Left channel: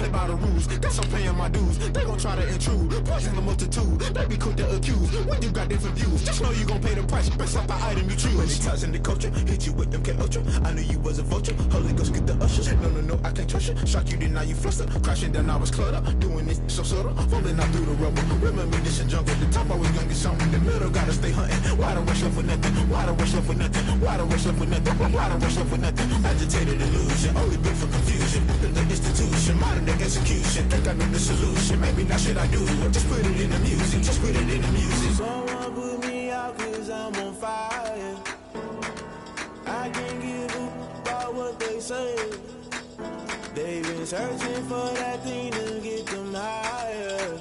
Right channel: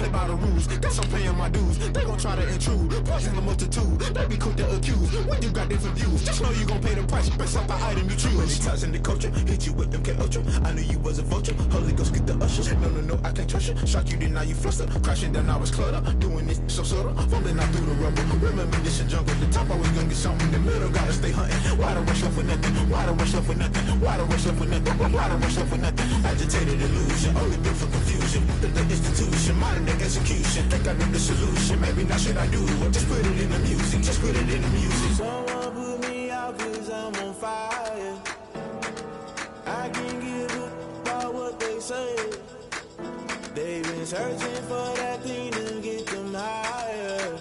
play by the rules. Guess I'm paying my dues. They gon' try to intrude. Poison the multitude. They be quick to accuse. When you got different views, just know you gon' pay the price based off the item you choose. When it's ties in the culture, hit you with them K Ultra. I knew you was a vulture. Holy Ghost get the ushers. No, I can't trust you. Shock you, then now you fluster. Crashing down, I was cluttered. Doing this so subtle. Falling out through the rubble. Remember this a jungle. The top always gonna get something. In the middle, gotta stay hunting. Why the rush left for nothing? Why the rush left for nothing? Why the rush left for nothing? Why the rush left for nothing? Agitated illusion. Only built for confusion. The institution. Modern day execution. Think I know the solution. Maybe not should I do it? Just put it in the music. Just put it in the music. Someone put me out cause I'm on fire. I can't give a about what they say. They've been searching for that thing to get them higher.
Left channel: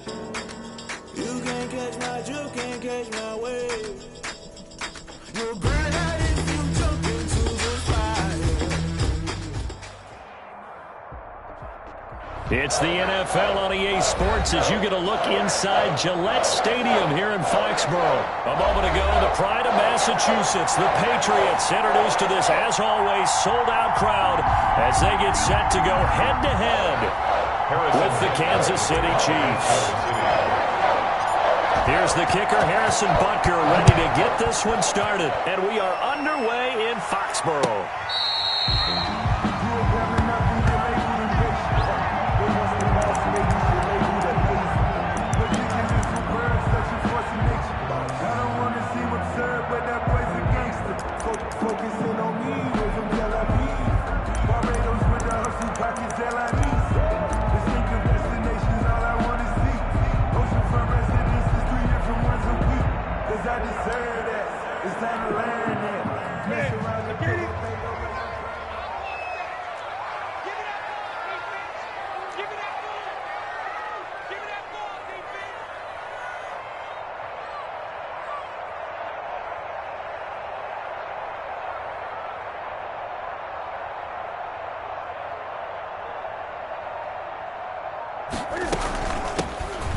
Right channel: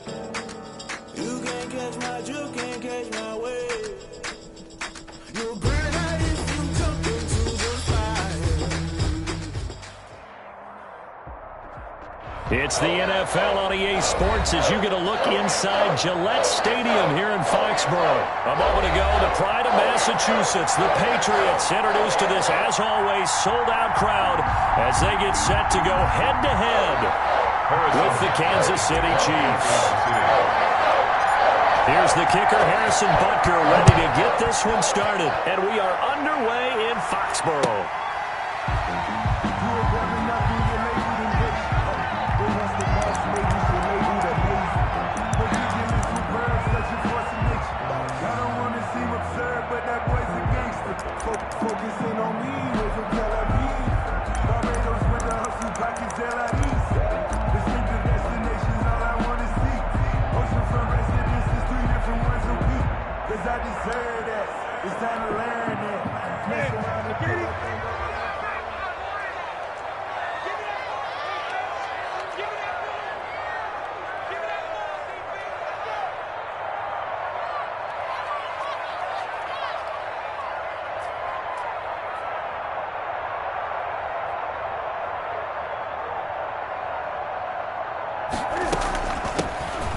You can't catch my drift, can't catch my wave. You'll burn out if you jump into the fire. It's the NFL on EA Sports as you get a look inside Gillette Stadium here in Foxborough. A moment ago, the pride of Massachusetts, the Patriots, introduced to this, as always, sold-out crowd as they get set to go head-to-head with the Kansas City Chiefs. Here's the kicker, Harrison Butker, ready to get this one started. And we are underway in Foxborough. But that boy's a gangster. Focusing on me, we're from Tel Aviv. Barbados with the hustle, pockets LIDs. Distinctive destinations, all I want to see. Oceanfront residences, 3 different ones a week. Cause I deserve that. It's time to learn that. Mess around and put that thing over.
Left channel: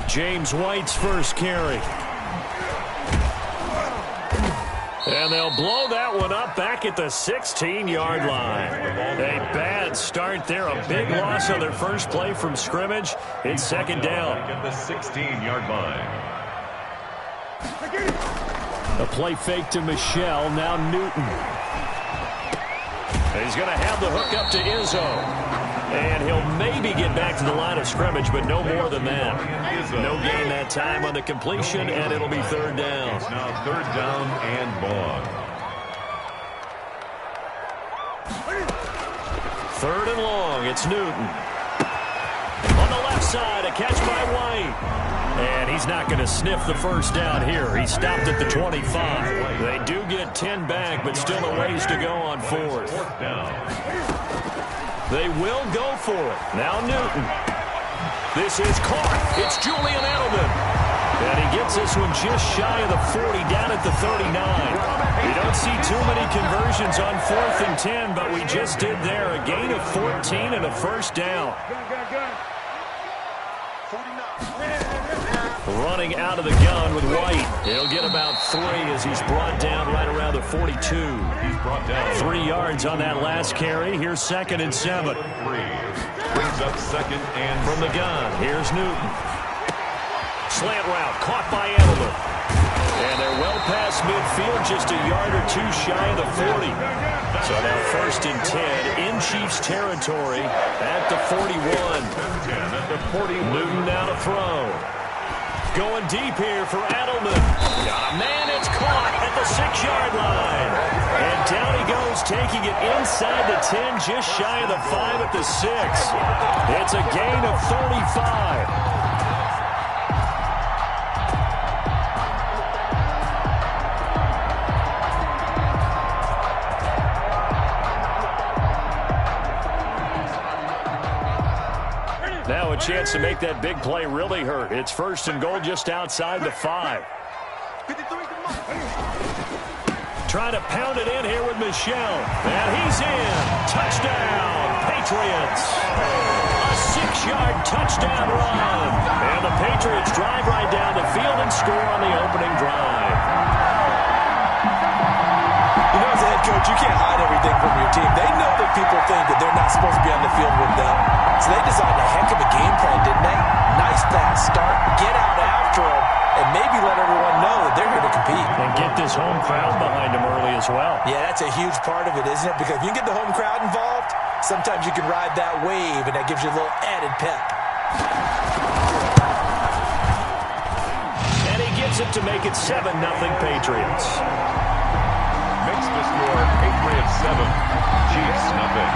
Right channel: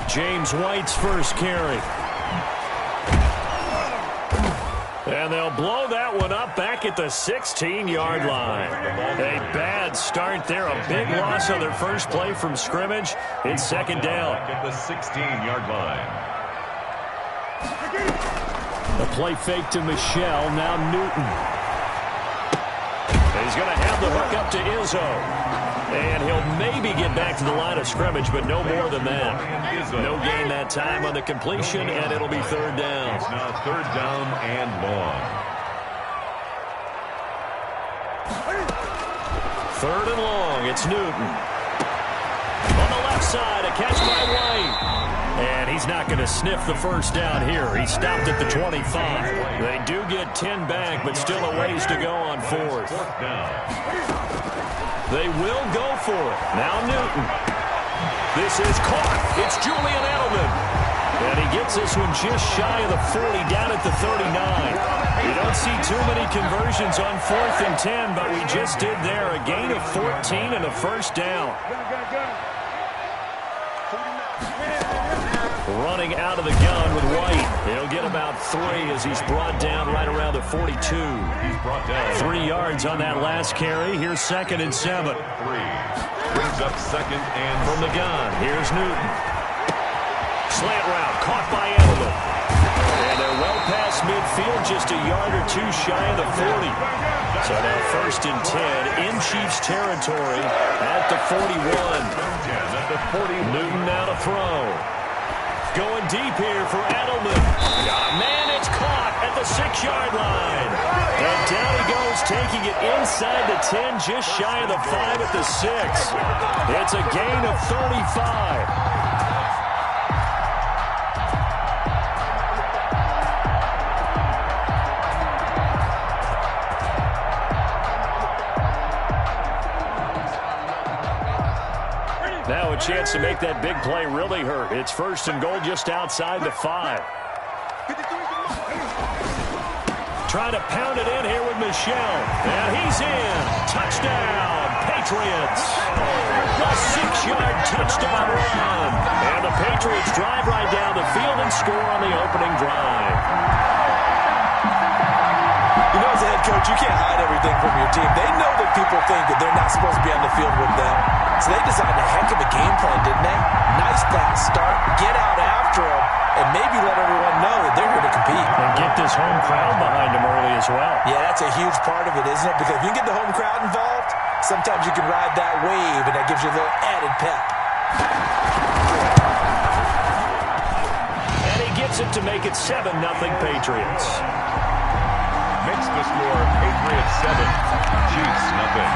James White's first carry. And they'll blow that one up back at the 16-yard line. A bad start there. A big loss on their first play from scrimmage. It's second down. Back at the 16-yard line. A play fake to Michelle. Now Newton. He's going to have the hook up to Izzo. And he'll maybe get back to the line of scrimmage, but no more than that. No gain that time on the completion, and it'll be third down. It's now third down and long. Third and long, it's Newton. On the left side, a catch by White. And he's not going to sniff the first down here. He stopped at the 25. They do get 10 back, but still a ways to go on fourth. Fourth down. They will go for it. Now Newton. This is caught. It's Julian Edelman. And he gets this one just shy of the 40, down at the 39. You don't see too many conversions on 4th and 10, but we just did there. A gain of 14 and a first down. Running out of the gun with White. He'll get about 3 as he's brought down right around the 42. He's brought down 3 yards on that last carry. Here's 2nd and 7. 3. Brings up 2nd and from the gun. Here's Newton. Slant route caught by Edelman. And they're well past midfield, just a yard or 2 shy of the 40. So now 1st and 10 in Chiefs territory at the 41. at the 41. Newton now to throw. Going deep here for Edelman. Got a man, it's caught at the 6-yard line. And down he goes, taking it inside the 10, just shy of the 5 at the 6. It's a gain of 35. Now a chance to make that big play really hurt. It's 1st and goal just outside the 5. Trying to pound it in here with Michelle. And he's in. Touchdown, Patriots. A 6-yard touchdown run. And the Patriots drive right down the field and score on the opening drive. You know, as a head Coach, you can't hide everything from your team. They know that people think that they're not supposed to be on the field with them. So they designed a heck of a game plan, didn't they? Nice pass start, get out after them, and maybe let everyone know that they're here to compete. And get this home crowd behind them early as well. Yeah, that's a huge part of it, isn't it? Because if you get the home crowd involved, sometimes you can ride that wave, and that gives you a little added pep. And he gets it to make it 7-0 Patriots. Makes the score Patriots 7, Chiefs nothing.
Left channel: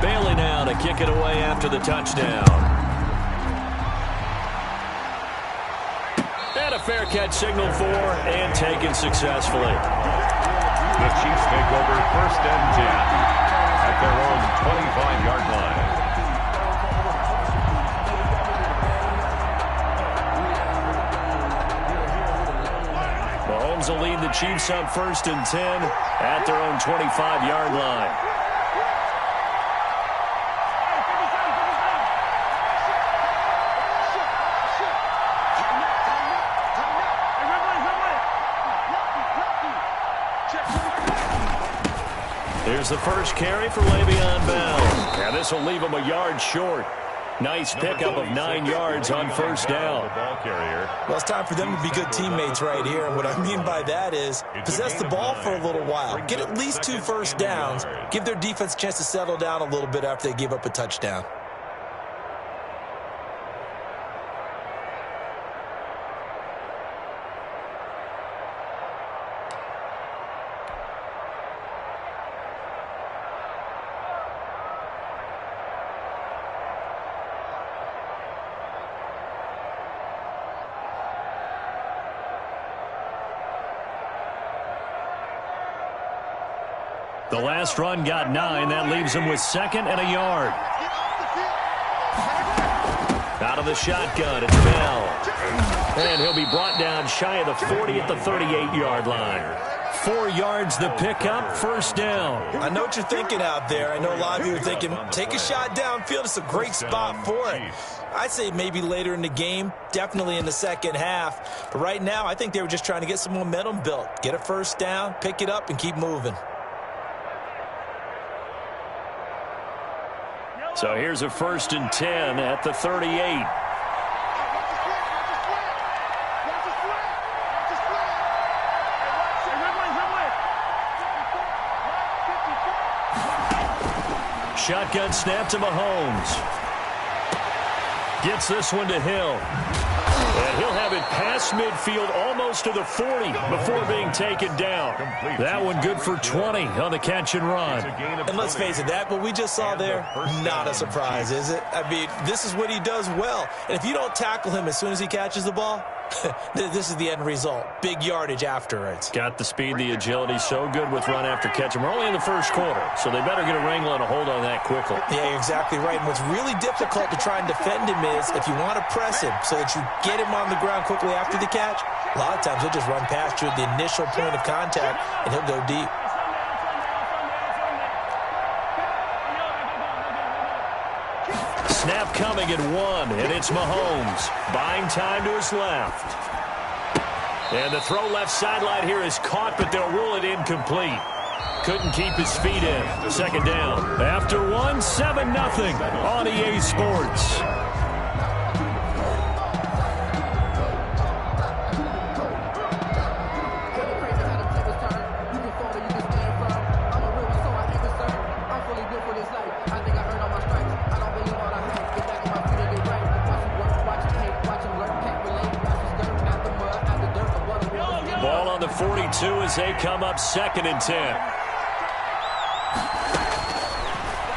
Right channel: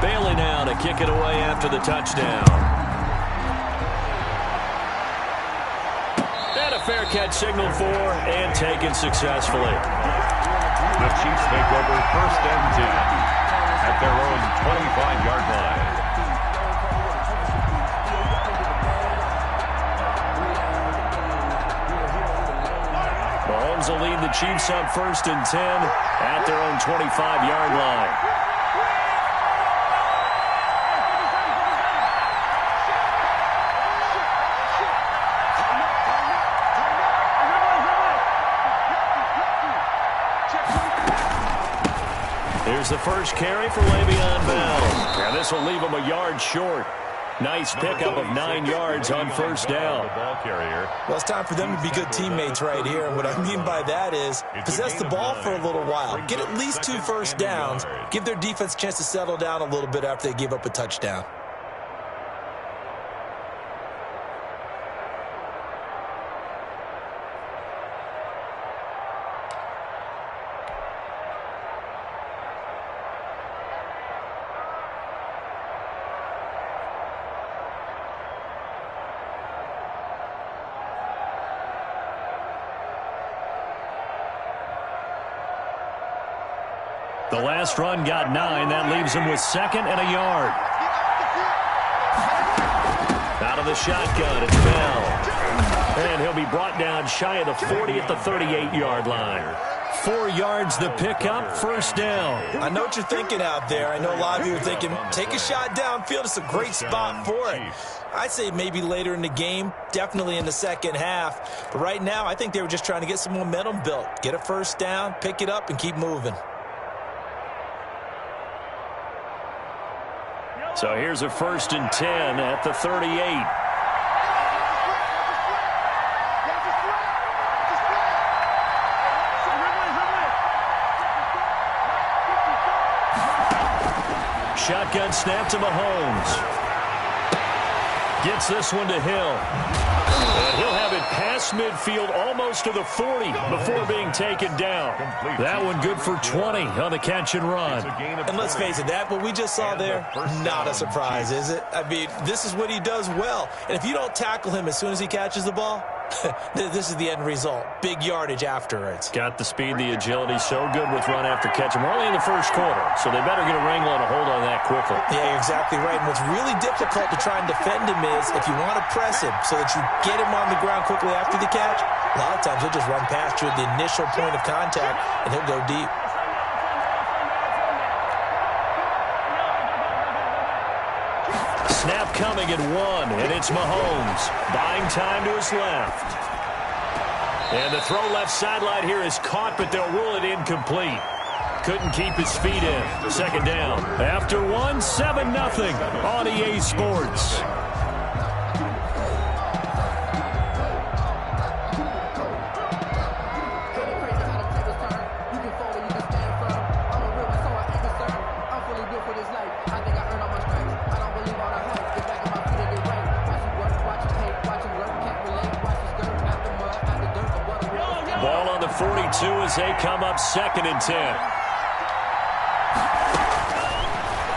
Bailey now to kick it away after the touchdown. And a fair catch signaled for and taken successfully. The Chiefs take over 1st and 10 at their own 25-yard line. Mahomes will lead the Chiefs up 1st and 10 at their own 25-yard line. Here's the first carry for Le'Veon Bell. And this will leave him a yard short. Nice pickup of 9 yards on 1st down. Ball carrier. Well, it's time for them to be good teammates right here. And what I mean by that is possess the ball for a little while. Get at least 2 first downs. Give their defense a chance to settle down a little bit after they give up a touchdown. The last run got 9. That leaves him with 2nd and a yard. Out of the shotgun, it's Bell. And he'll be brought down shy of the 40 at the 38-yard line. 4 yards the pickup, 1st down. I know what you're thinking out there. I know a lot of you are thinking, take a shot downfield. It's a great spot for it. I'd say maybe later in the game, definitely in the second half. But right now, I think they were just trying to get some momentum built. Get a 1st down, pick it up, and keep moving. So here's a 1st and 10 at the 38. Shotgun snap to Mahomes. Gets this one to Hill. And he'll have it past midfield almost to the 40 before being taken down. That one good for 20 on the catch and run. And let's face it, that what we just saw there, not a surprise, is it? I mean, this is what he does well. And if you don't tackle him as soon as he catches the ball, this is the end result. Big yardage afterwards. Got the speed, the agility, so good with run after catch. And we're only in the 1st quarter, so they better get a wrangle and a hold on that quickly. Yeah, you're exactly right. And what's really difficult to try and defend him is if you want to press him so that you get him on the ground quickly after the catch, a lot of times he'll just run past you at the initial point of contact, and he'll go deep. Snap coming at 1, and it's Mahomes. Buying time to his left. And the throw left sideline here is caught, but they'll rule it incomplete. Couldn't keep his feet in. 2nd down. After 1, 7-0 on EA Sports. Ball on the 42 as they come up 2nd and 10.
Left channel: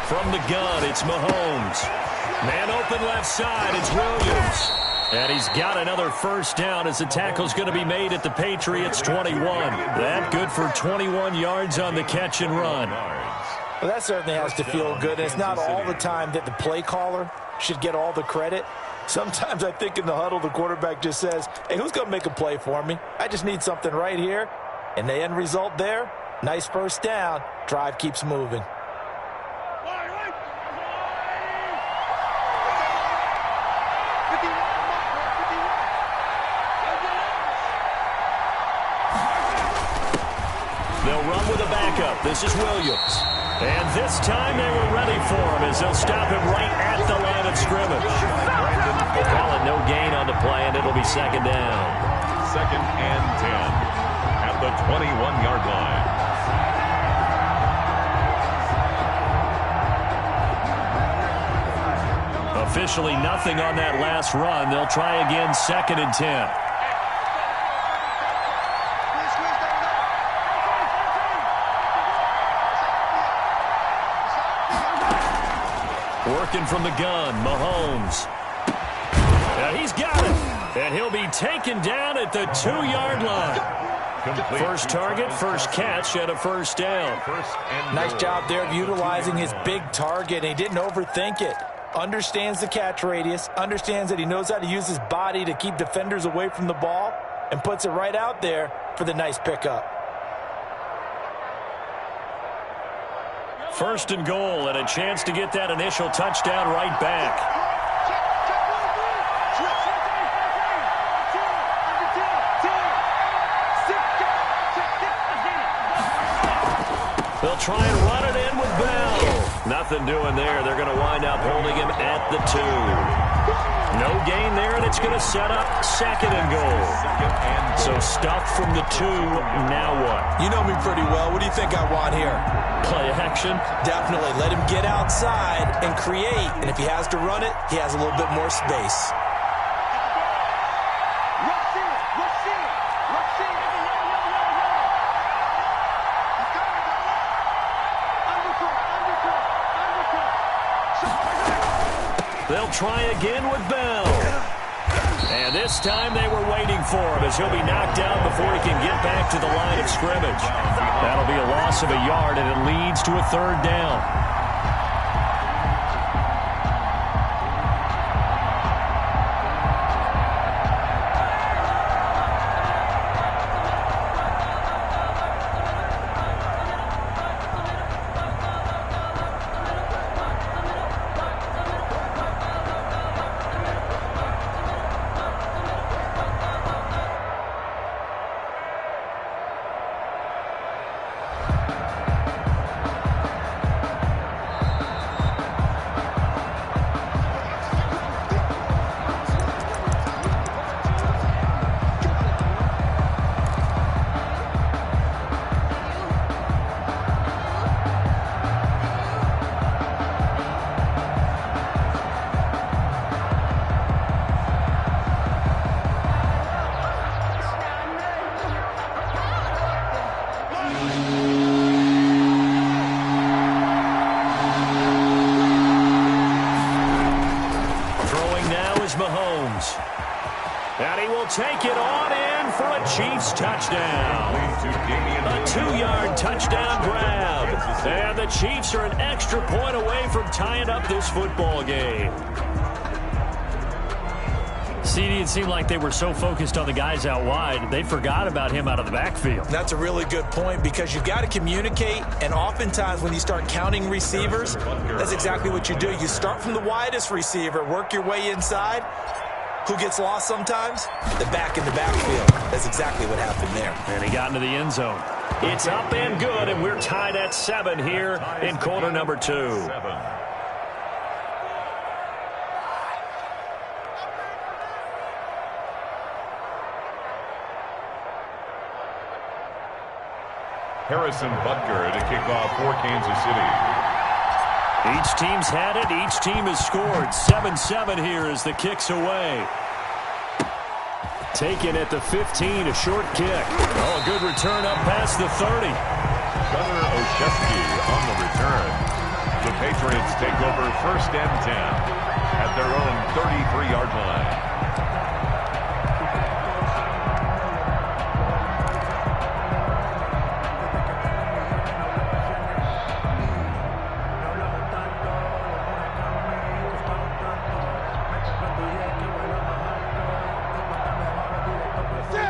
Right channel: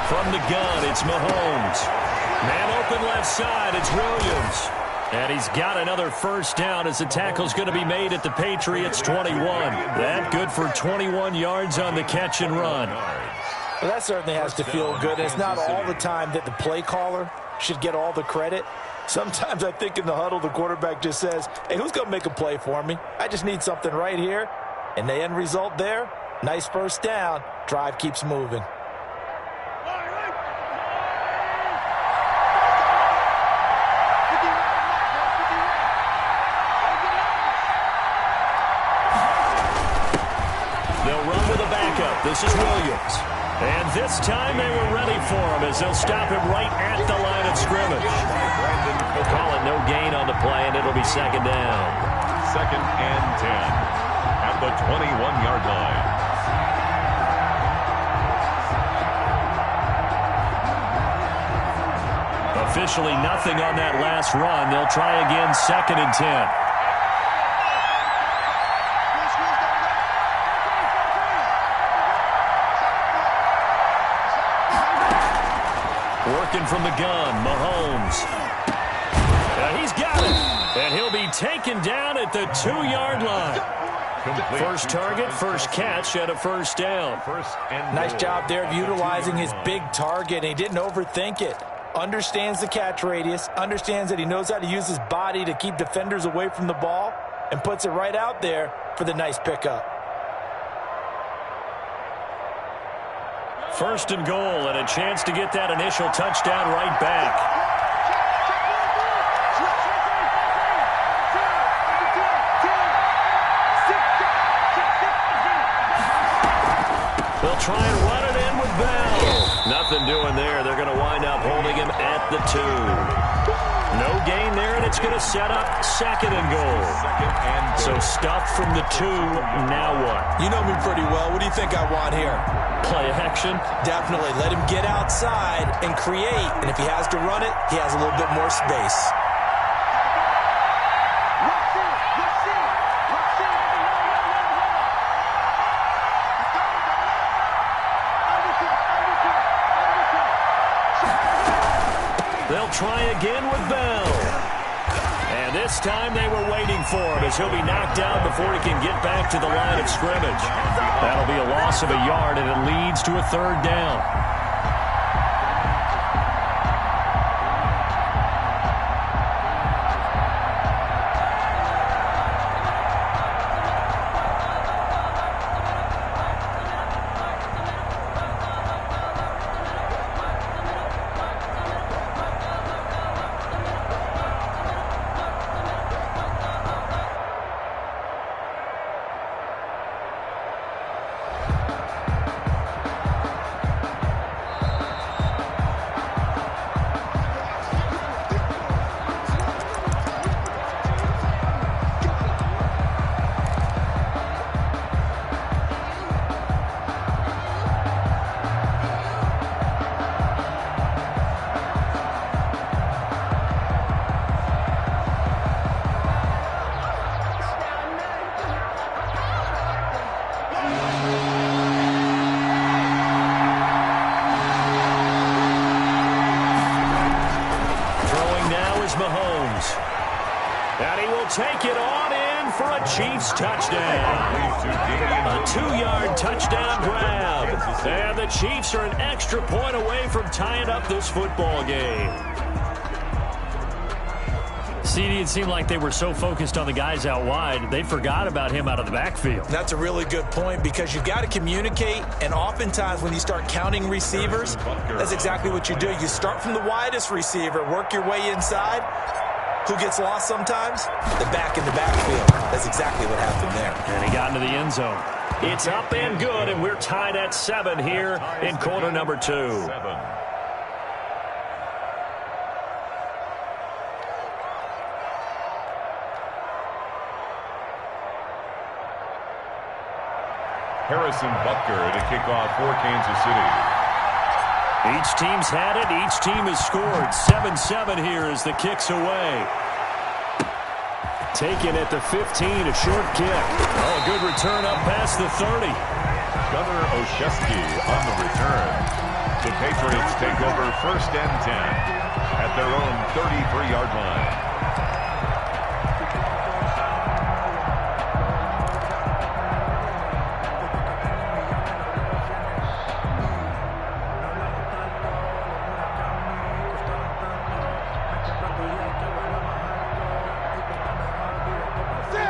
From the gun, it's Mahomes. Man open left side, it's Williams. And he's got another 1st down as the tackle's going to be made at the Patriots 21. That good for 21 yards on the catch and run. Well, that certainly has to feel good. And it's not all the time that the play caller should get all the credit. Sometimes I think in the huddle, the quarterback just says, hey, who's going to make a play for me? I just need something right here. And the end result there, nice first down. Drive keeps moving. They'll run with a backup. This is Williams. And this time they were ready for him as they'll stop him right at the line of scrimmage. We'll call it no gain on the play, and it'll be second down. 2nd and 10 at the 21-yard line. Officially nothing on that last run. They'll try again, 2nd and 10. Working from the gun, Mahomes. He's got it. And he'll be taken down at the 2-yard line. First target, first catch, and a first down. Nice job there of utilizing his big target. He didn't overthink it. Understands the catch radius, understands that he knows how to use his body to keep defenders away from the ball, and puts it right out there for the nice pickup. First and goal, and a chance to get that initial touchdown right back. They'll try and run it in with Bell. Nothing doing there. They're going to wind up holding him at the 2. No gain there, and it's going to set up 2nd and goal. So stuffed from the 2. Now what? You know me pretty well. What do you think I want here? Play action? Definitely. Let him get outside and create. And if he has to run it, he has a little bit more space. They'll try again with Bell. And this time they were waiting for him as he'll be knocked down before he can get back to the line of scrimmage. That'll be a loss of a yard, and it leads to a 3rd down. Mahomes. And he will take it on in for a Chiefs touchdown. A 2-yard touchdown grab. And the Chiefs are an extra point away from tying up this football game. CD, it seemed like they were so focused on the guys out wide, they forgot about him out of the backfield. That's a really good point because you've got to communicate, and oftentimes when you start counting receivers, that's exactly what you do. You start from the widest receiver, work your way inside. Who gets lost sometimes? The back in the backfield. That's exactly what happened there. And he got into the end zone. It's up and good, and we're tied at 7 here in quarter number 2. Harrison Butker to kick off for Kansas City. Each team's had it. Each team has scored. 7-7 here as the kick's away. Taken at the 15, a short kick. Oh, a good return up past the 30. Gunnar Olszewski on the return. The Patriots take over 1st and 10 at their own 33-yard line.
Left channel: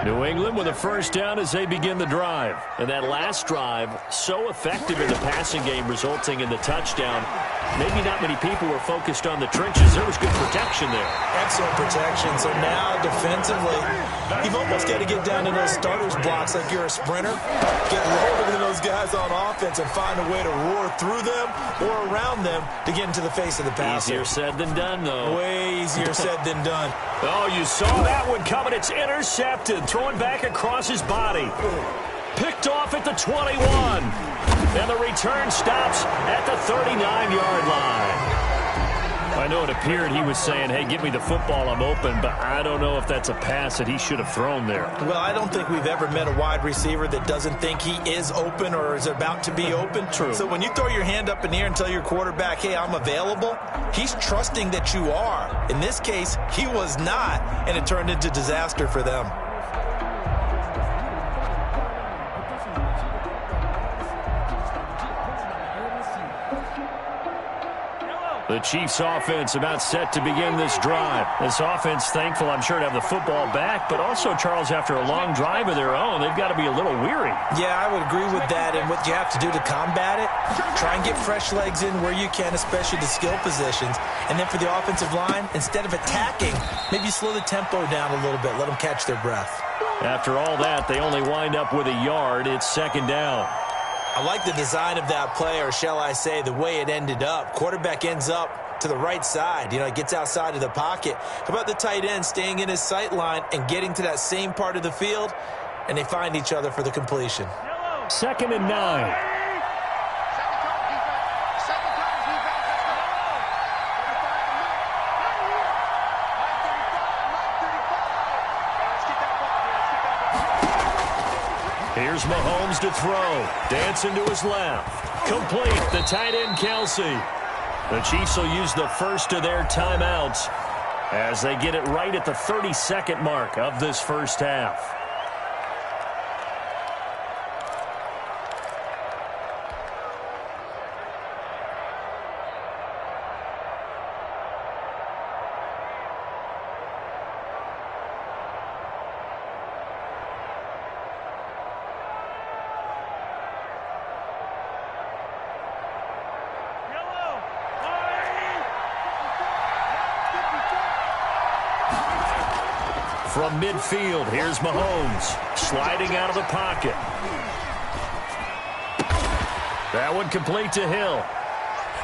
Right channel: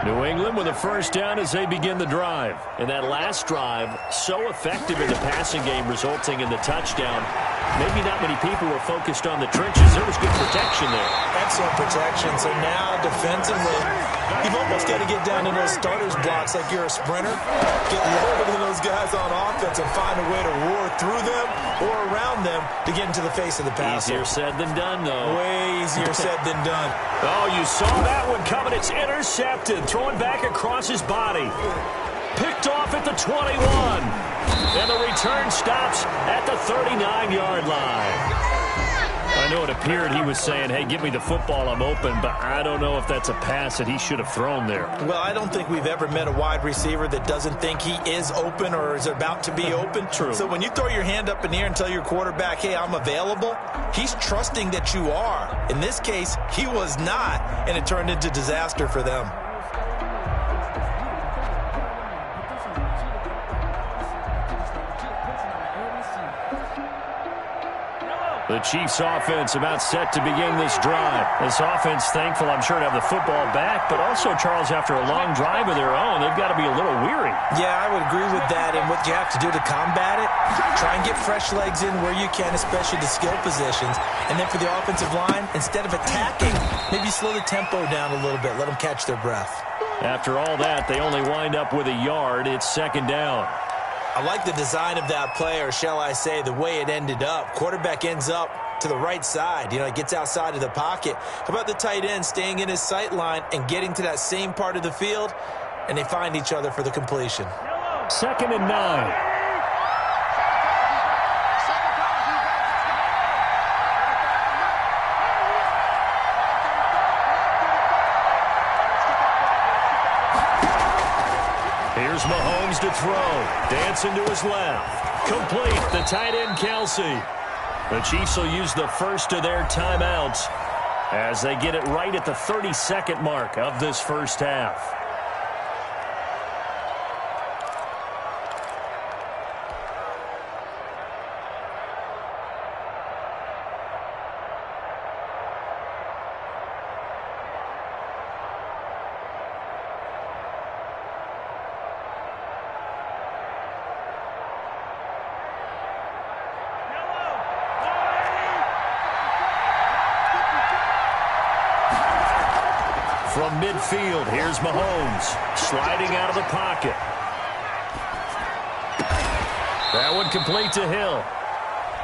New England with a first down as they begin the drive. And that last drive, so effective in the passing game, resulting in the touchdown. Maybe not many people were focused on the trenches. There was good protection there. Excellent protection. So now defensively, you've almost got to get down to those starters blocks like you're a sprinter. Get lower than those guys on offense and find a way to roar through them or around them to get into the face of the passer. Easier said than done, though. Way easier said than done. Oh, you saw that one coming. It's intercepted. Throwing back across his body. Picked off at the 21. And the return stops at the 39-yard line. I know it appeared he was saying, hey, give me the football, I'm open, but I don't know if that's a pass that he should have thrown there. Well, I don't think we've ever met a wide receiver that doesn't think he is open or is about to be open. True. So when you throw your hand up in the air and tell your quarterback, hey, I'm available, he's trusting that you are. In this case, he was not, and it turned into disaster for them. The Chiefs offense about set to begin this drive. This offense thankful, I'm sure, to have the football back, but also, Charles, after a long drive of their own, they've got to be a little weary. Yeah, I would agree with that, and what you have to do to combat it, try and get fresh legs in where you can, especially the skill positions. And then for the offensive line, instead of attacking, maybe slow the tempo down a little bit, let them catch their breath. After all that, they only wind up with a yard. It's second down. I like the design of that play, or shall I say the way it ended up. Quarterback ends up to the right side. You know, it gets outside of the pocket. How about the tight end staying in his sight line and getting to that same part of the field, and they find each other for the completion. 2nd and 9. Here's Mahomes to throw. Dancing to his left. Complete. The tight end, Kelsey. The Chiefs will use the first of their timeouts as they get it right at the 30-second mark of this first half. From midfield, here's Mahomes, sliding out of the pocket. That one complete to Hill.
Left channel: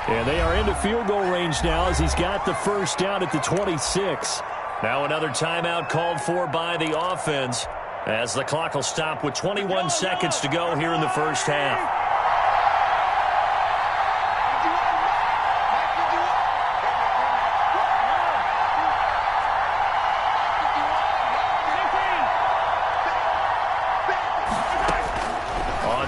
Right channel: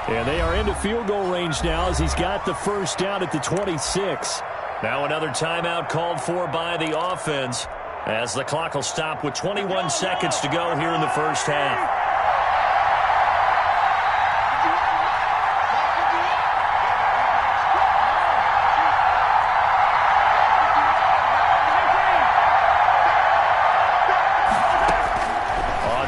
And they are into field goal range now as he's got the first down at the 26. Now another timeout called for by the offense as the clock will stop with 21 seconds to go here in the first half.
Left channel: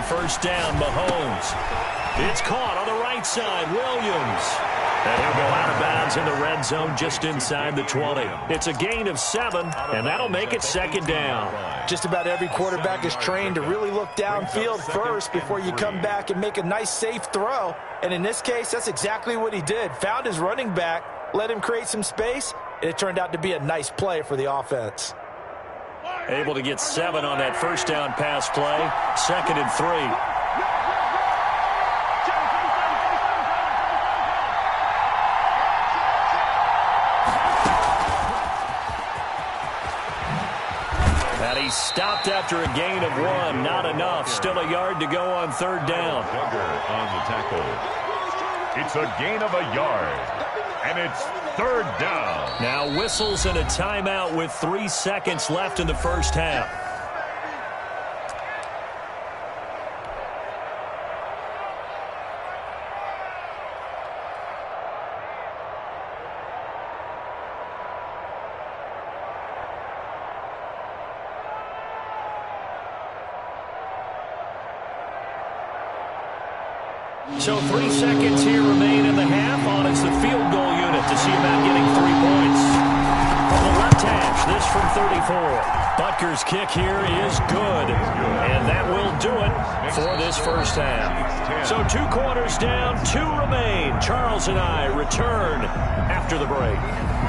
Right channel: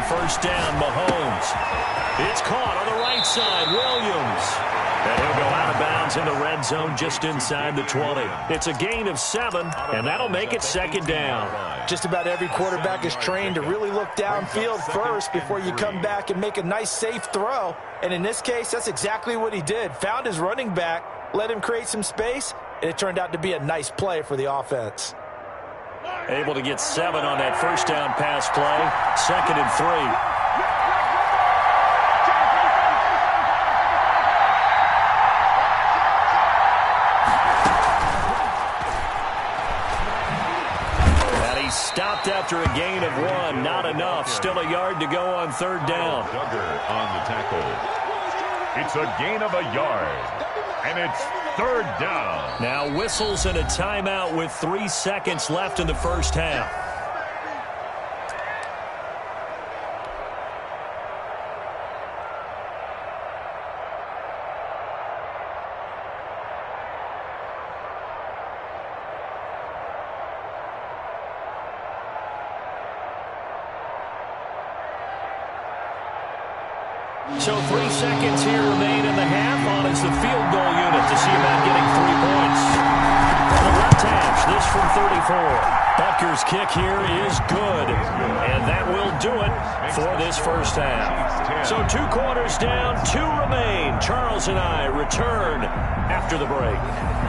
First down, Mahomes. It's caught on the right side, Williams. And he'll go out of bounds in the red zone just inside the 20. It's a gain of 7, and that'll make it second down. Just about every quarterback is trained to really look downfield first before you come back and make a nice, safe throw. And in this case, that's exactly what he did. Found his running back, let him create some space, and it turned out to be a nice play for the offense. Able to get 7 on that first down pass play. 2nd and 3. And he stopped after a gain of 1. Not enough. Still a yard to go on third down. Duggar on the tackle. It's a gain of a yard. And it's third down. Now whistles and a timeout with 3 seconds left in the first half. So 3 seconds here remain in the half. On is the field goal unit to see about getting 3 points. the left hash, this from 34. Butker's kick here is good, and that will do it for this first half. So 2 quarters down, 2 remain. Charles and I return after the break.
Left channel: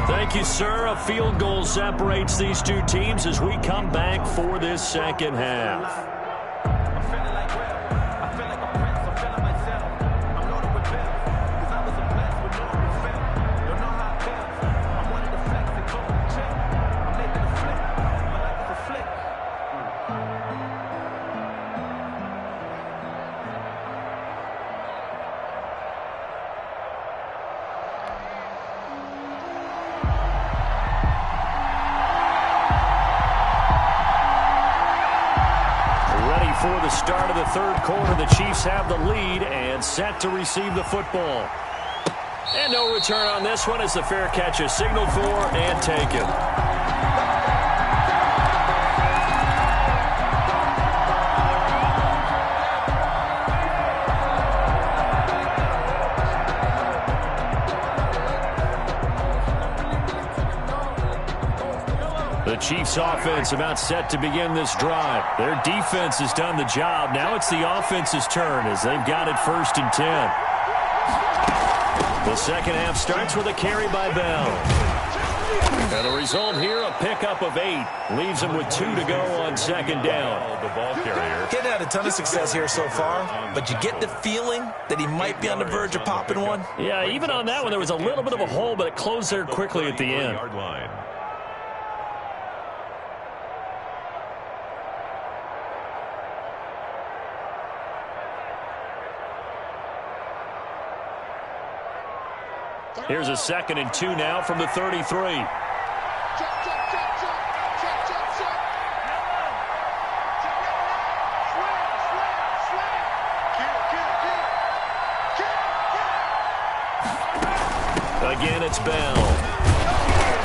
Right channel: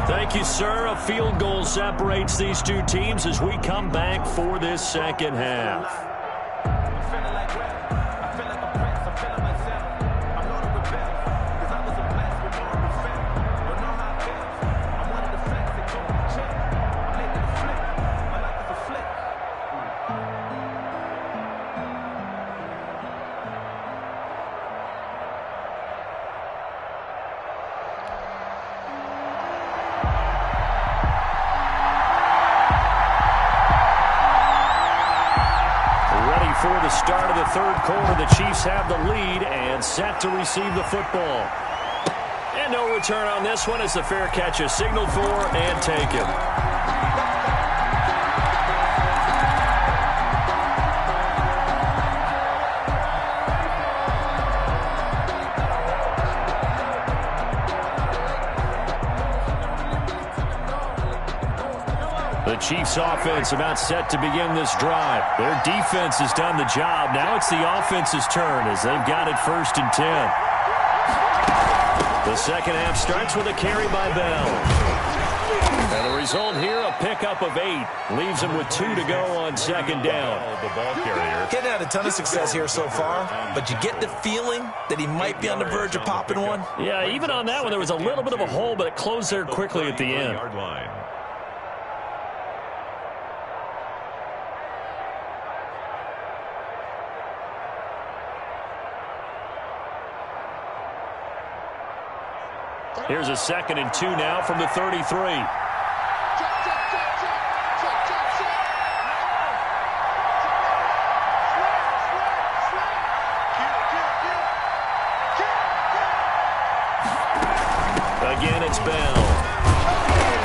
Thank you, sir. A field goal separates these 2 teams as we come back for this second half. For the start of the third quarter, the Chiefs have the lead and set to receive the football. And no return on this one as the fair catch is signaled for and taken. The Chiefs offense about set to begin this drive. Their defense has done the job. Now it's the offense's turn as they've got it 1st and 10. The second half starts with a carry by Bell. And the result here, a pickup of 8. Leaves him with 2 to go on second down. The ball carrier. Getting had a ton of success here so far, but you get the feeling that he might be on the verge of popping one. Yeah, even on that one, there was a little bit of a hole, but it closed there quickly at the end. Line. Here's a 2nd and 2 now from the 33. Again, it's Bell.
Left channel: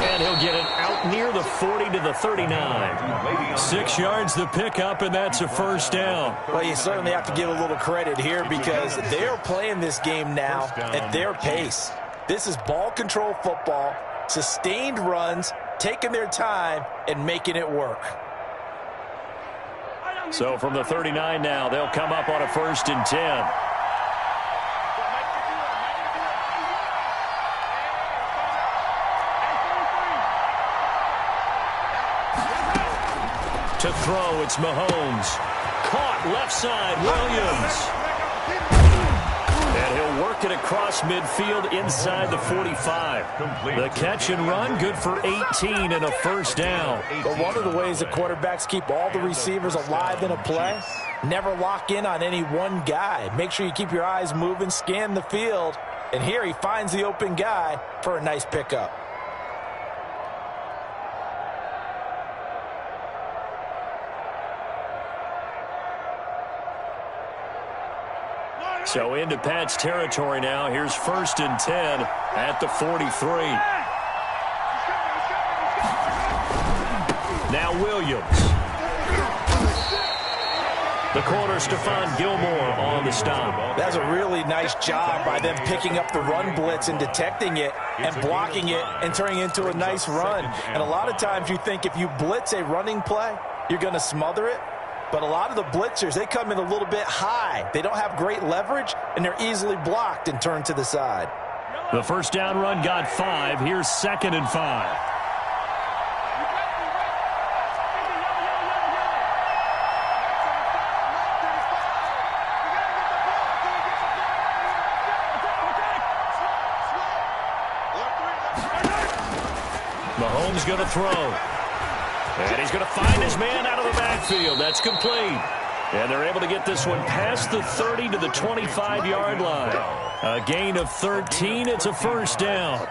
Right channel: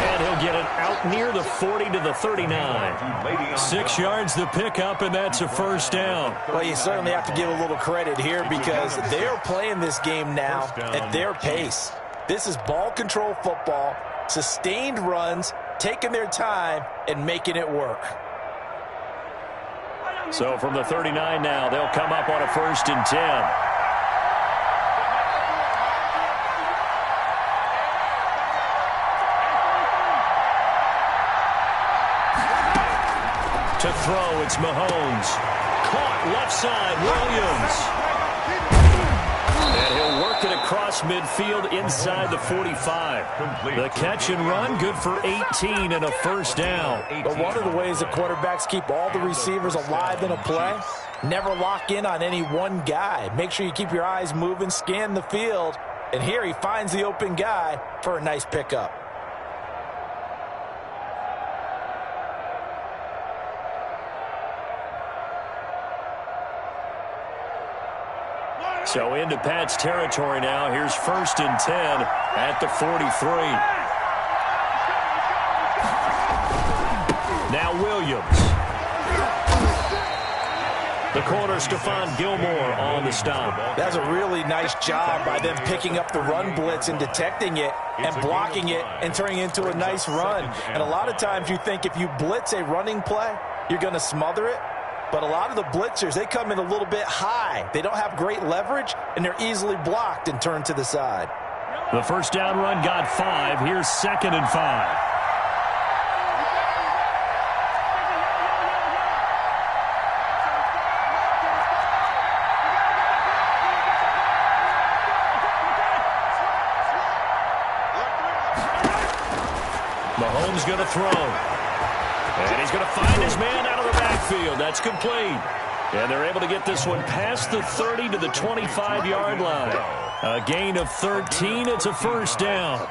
And he'll get it out near the 40 to the 39. 6 yards the pickup, and that's a first down. Well, you certainly have to give a little credit here because they're playing this game now at their pace. This is ball control football, sustained runs, taking their time, and making it work. So from the 39 now, they'll come up on a 1st and 10. To throw, it's Mahomes. Caught left side, Williams. And he'll work it across midfield inside the 45. The catch and run, good for 18 and a first down. But one of the ways that quarterbacks keep all the receivers alive in a play, never lock in on any one guy. Make sure you keep your eyes moving, scan the field. And here he finds the open guy for a nice pickup. So into Pat's territory now. Here's 1st and 10 at the 43. Now Williams. The corner, Stephon Gilmore on the stop. That's a really nice job by them picking up the run blitz and detecting it and blocking it and turning it into a nice run. And a lot of times you think if you blitz a running play, you're going to smother it. But a lot of the blitzers, they come in a little bit high. They don't have great leverage, and they're easily blocked and turned to the side. The first down run got 5. Here's 2nd and 5. Mahomes going to throw. And he's going to find his man out of the backfield. That's complete. And they're able to get this one past the 30 to the 25-yard line. A gain of 13. It's a first down.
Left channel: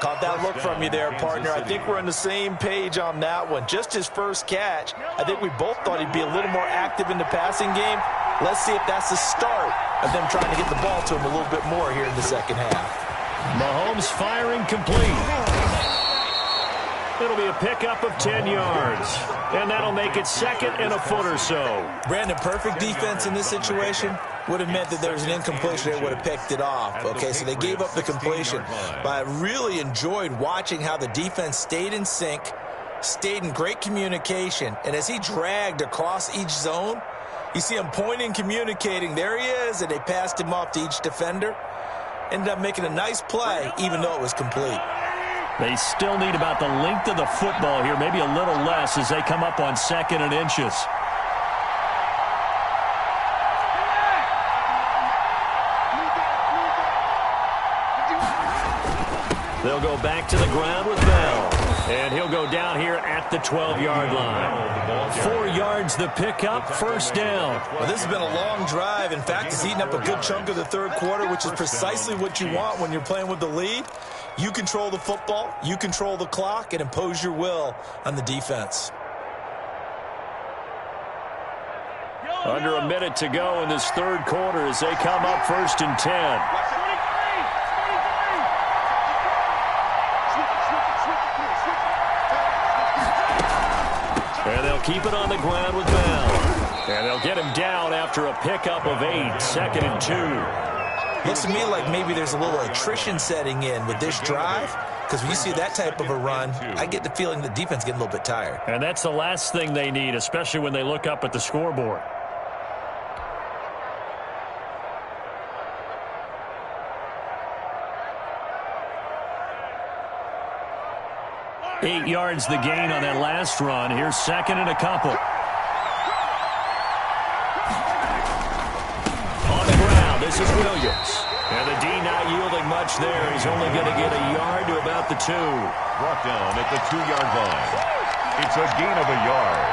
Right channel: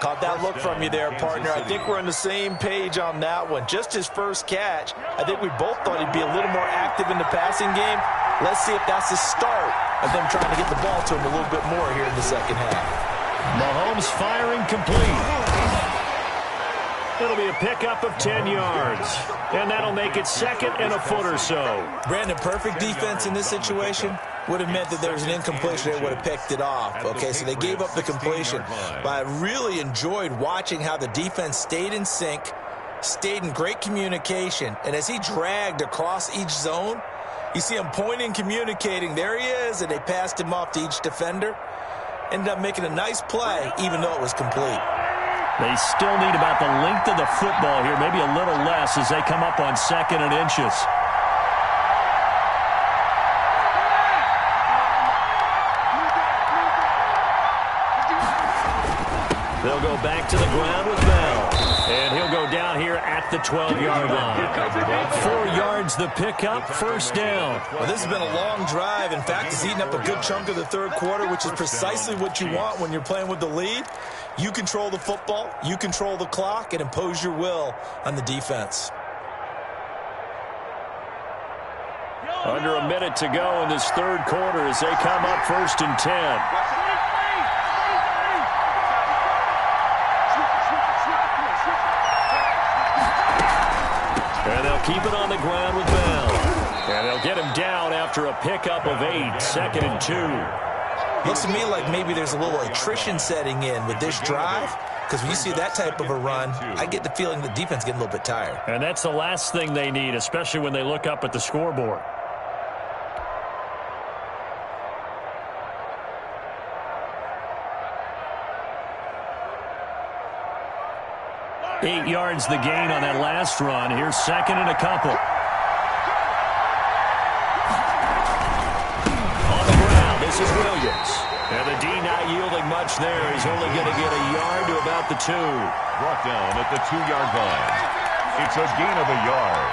Caught that look from you there, partner. I think we're on the same page on that one. Just his first catch. I think we both thought he'd be a little more active in the passing game. Let's see if that's the start of them trying to get the ball to him a little bit more here in the second half. Mahomes firing complete. It'll be a pickup of 10 yards. And that'll make it 2nd and a foot or so. Brandon, perfect defense in this situation. would have meant that there was an incompletion. They would have picked it off. Okay, so they gave up the completion. But I really enjoyed watching how the defense stayed in sync, stayed in great communication. And as he dragged across each zone, you see him pointing, communicating. There he is, and they passed him off to each defender. Ended up making a nice play, even though it was complete. They still need about the length of the football here, maybe a little less as they come up on 2nd and inches. They'll go back to the ground with Bell. And he'll go down here at the 12-yard line. 4 yards the pickup, first down. Well, this has been a long drive. In fact, it's eaten up a good chunk of the third quarter, which is precisely what you want when you're playing with the lead. You control the football, you control the clock, and impose your will on the defense. Under a minute to go in this third quarter as they come up 1st and 10. And they'll keep it on the ground with Bell. And they'll get him down after a pickup of 8, 2nd and 2. Looks to me like maybe there's a little attrition setting in with this drive, because when you see that type of a run, I get the feeling the defense getting a little bit tired. And that's the last thing they need, especially when they look up at the scoreboard. Eight yards the gain on that last run. Here's 2nd and a couple. On the ground, this is Williams. And the D not yielding much there. He's only going to get a yard to about the 2. Brought down at the 2-yard line. It's a gain of a yard.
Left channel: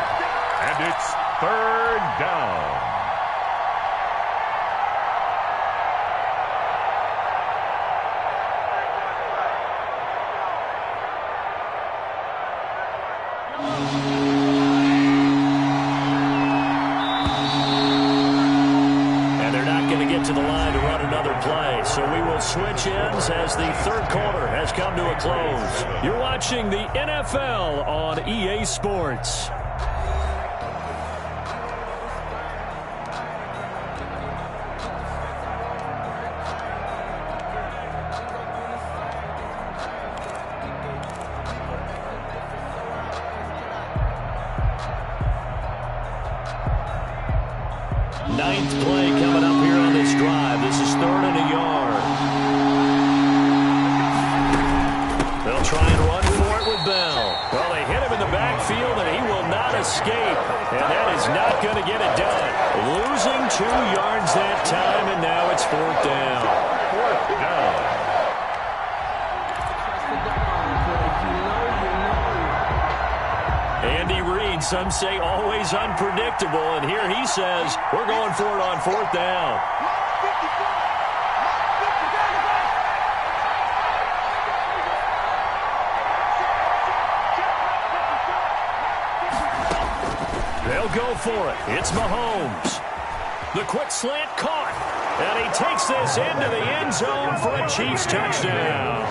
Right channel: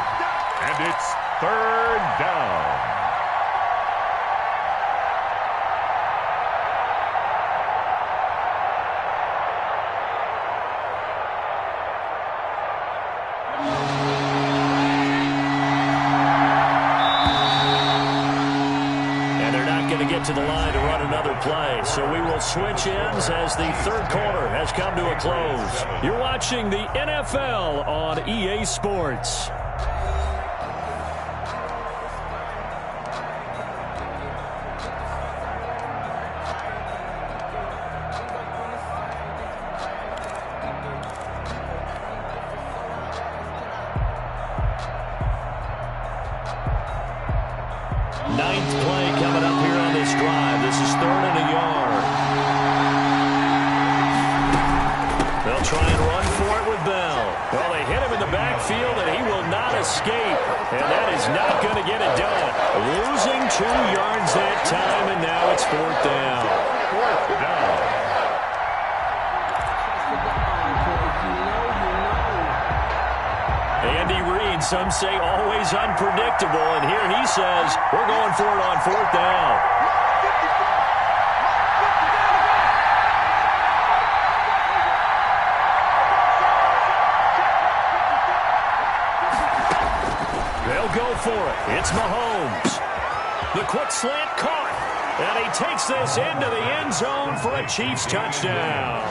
And it's 3rd down. To the line to run another play. So we will switch ends as the third quarter has come to a close. You're watching the NFL on EA Sports. Ninth play coming up here on this drive. This is 3rd and a yard. They'll try and run for it with Bell. Well, they hit him in the backfield, and he will not escape. And that is not going to get it done. Losing 2 yards that time, and now it's 4th down. 4th down. Andy Reid, some say always unpredictable, and here he says we're going for it on 4th down. They'll go for it. It's Mahomes. The quick slant caught, and he takes this into the end zone for a Chiefs touchdown.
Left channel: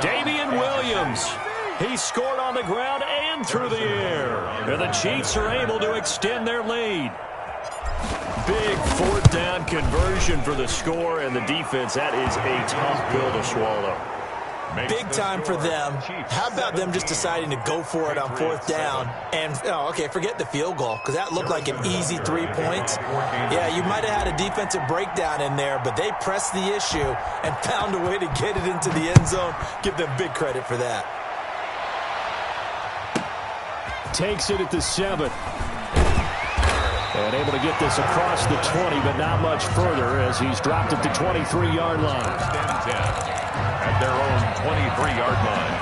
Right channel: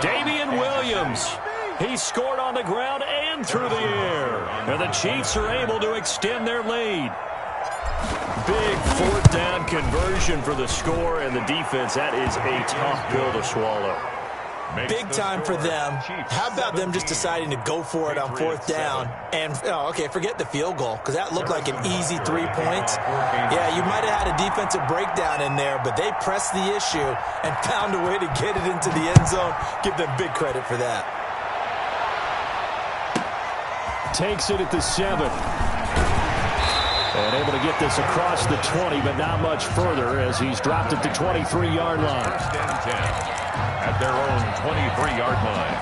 Damian Williams. He scored on the ground and through the air. And the Chiefs are able to extend their lead. Big 4th down conversion for the score, and the defense, that is a tough pill to swallow. Big time for them. How about them just deciding to go for it on 4th down? And, okay, forget the field goal, because that looked like an easy 3 points. Yeah, you might have had a defensive breakdown in there, but they pressed the issue and found a way to get it into the end zone. Give them big credit for that. Takes it at the 7. And able to get this across the 20, but not much further as he's dropped at the 23-yard line. 1st and 10 at their own 23-yard line.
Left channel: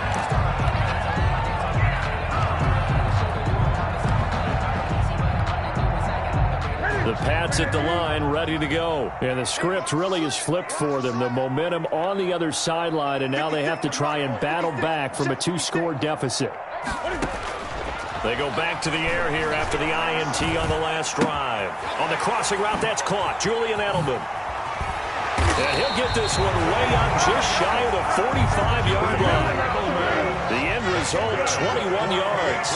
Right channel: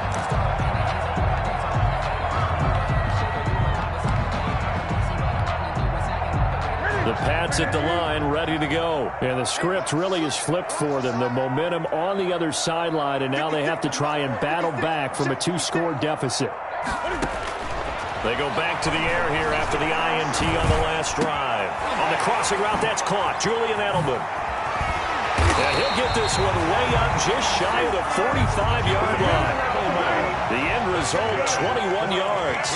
The Pats at the line, ready to go. And the script really is flipped for them. The momentum on the other sideline, and now they have to try and battle back from a 2-score deficit. They go back to the air here after the INT on the last drive. On the crossing route, that's caught. Julian Edelman. And he'll get this one way up just shy of the 45-yard line. The end result, 21 yards.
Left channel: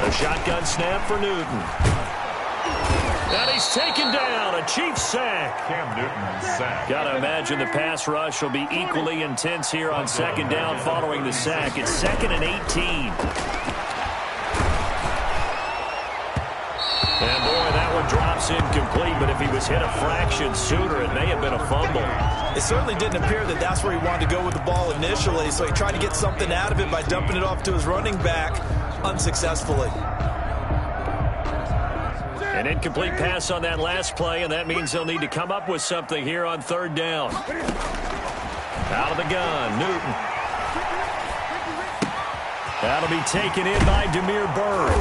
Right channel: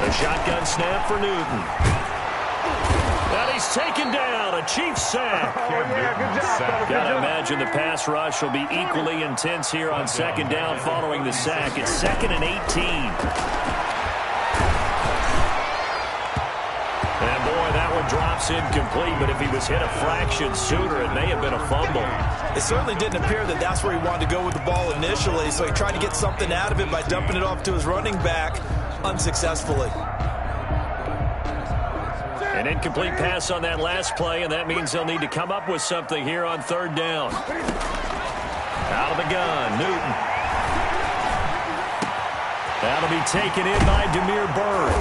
A shotgun snap for Newton. And he's taken down. A Chiefs sack. Cam Newton sack. Got to imagine the pass rush will be equally intense here on second down following the sack. It's 2nd and 18. And boy, that one drops incomplete, but if he was hit a fraction sooner, it may have been a fumble. It certainly didn't appear that that's where he wanted to go with the ball initially, so he tried to get something out of it by dumping it off to his running back unsuccessfully. An incomplete pass on that last play, and that means they'll need to come up with something here on 3rd down. Out of the gun, Newton. That'll be taken in by Damiere Byrd.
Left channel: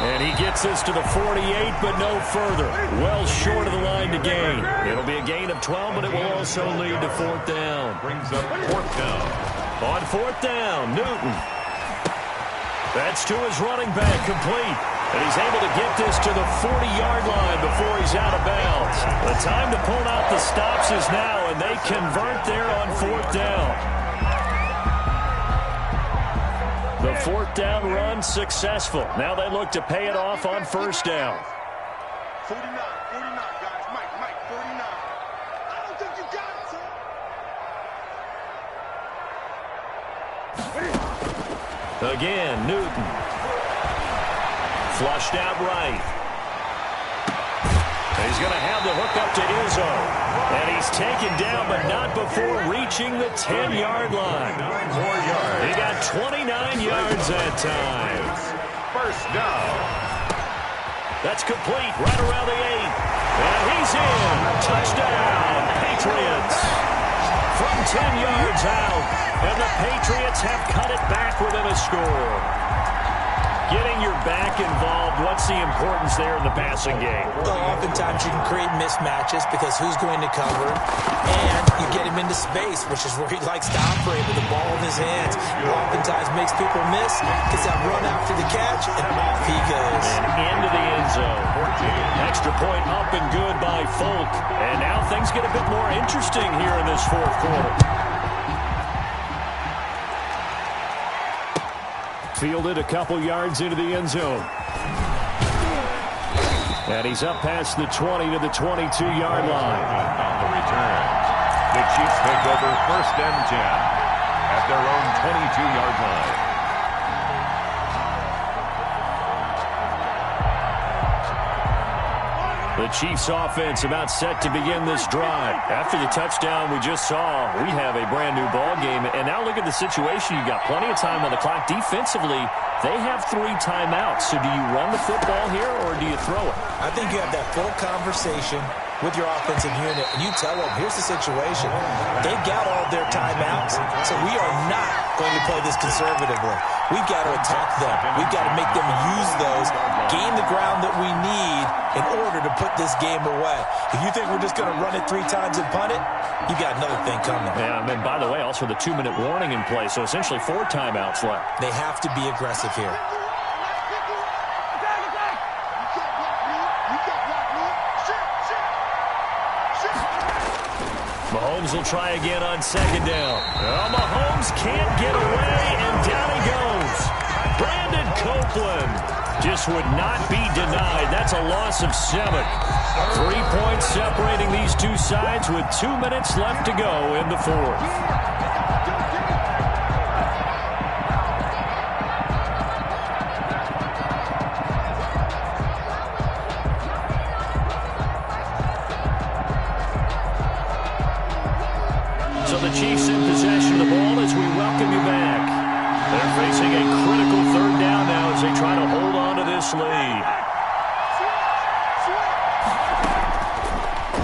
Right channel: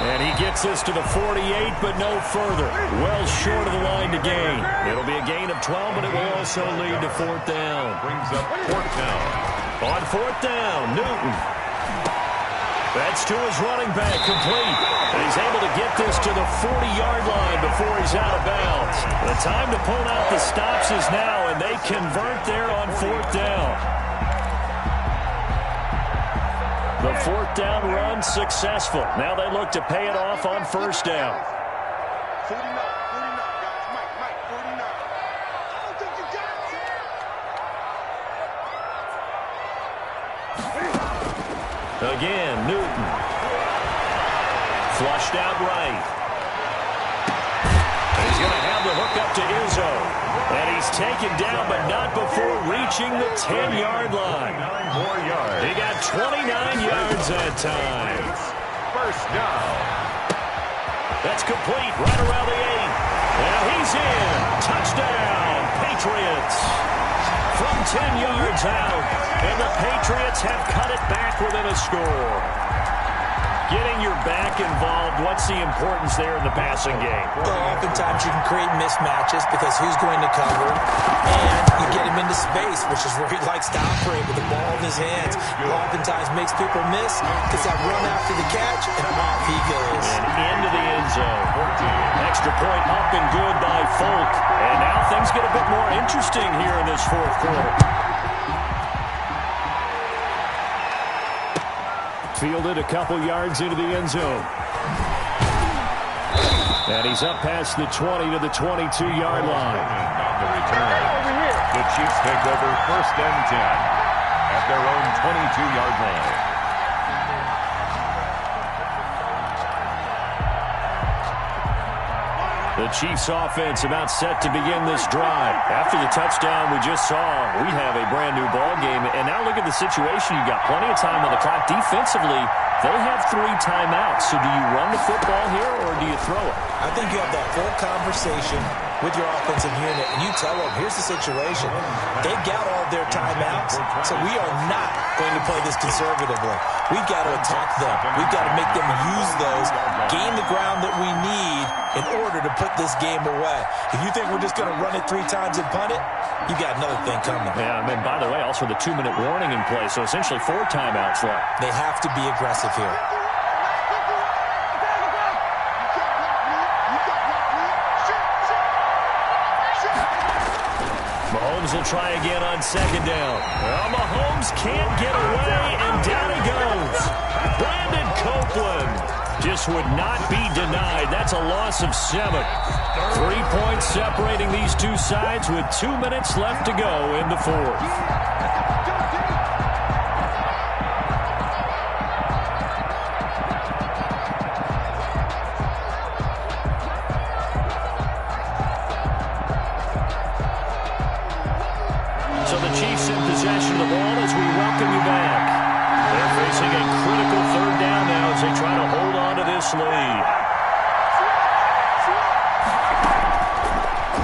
And he gets this to the 48, but no further. Well short of the line to gain. It'll be a gain of 12, but it will also lead to 4th down. Brings up 4th down. On 4th down, Newton. That's to his running back, complete. And he's able to get this to the 40-yard line before he's out of bounds. The time to pull out the stops is now, and they convert there on 4th down. The 4th down run successful. Now they look to pay it off on 1st down. 49, guys. Mike, 49. I don't think you got it, Again, Newton. Flushed out right. He's going to have the hook up to Izzo. And he's taken down, but not before reaching the 10-yard line. 9 more yards. He got 29 yards that time. 1st down. That's complete right around the 8. And he's in. Touchdown, Patriots. From 10 yards out. And the Patriots have cut it back within a score. Getting your back involved, what's the importance there in the passing game? Well, oftentimes you can create mismatches because who's going to cover, and you get him into space, which is where he likes to operate with the ball in his hands. Oftentimes makes people miss, gets that run after the catch, and off he goes. And into the end zone. 14. Extra point up and good by Folk. And now things get a bit more interesting here in this 4th quarter. Fielded a couple yards into the end zone. And he's up past the 20 to the 22-yard line. On the return, the Chiefs take over 1st and 10 at their own 22-yard line. The Chiefs offense about set to begin this drive. After the touchdown we just saw, we have a brand new ball game. And now look at the situation. You've got plenty of time on the clock. Defensively, they have 3 timeouts. So do you run the football here or do you throw it? I think you have that full conversation with your offensive unit, and you tell them, here's the situation. They've got all their timeouts, so we are not going to play this conservatively. We've got to attack them. We've got to make them use those, gain the ground that we need in order to put this game away. If you think we're just going to run it 3 times and punt it, you've got another thing coming. Yeah, and by the way, also the 2-minute warning in play, so essentially 4 timeouts left. They have to be aggressive here. Mahomes will try again on 2nd down. Well, Mahomes can't get away, and down he goes. Brandon Copeland just would not be denied. That's a loss of 7. 3 points separating these two sides with 2 minutes left to go in the 4th. So the Chiefs in possession of the ball as we welcome you back. They're facing a critical 3rd down now as they try to hold on to this lead.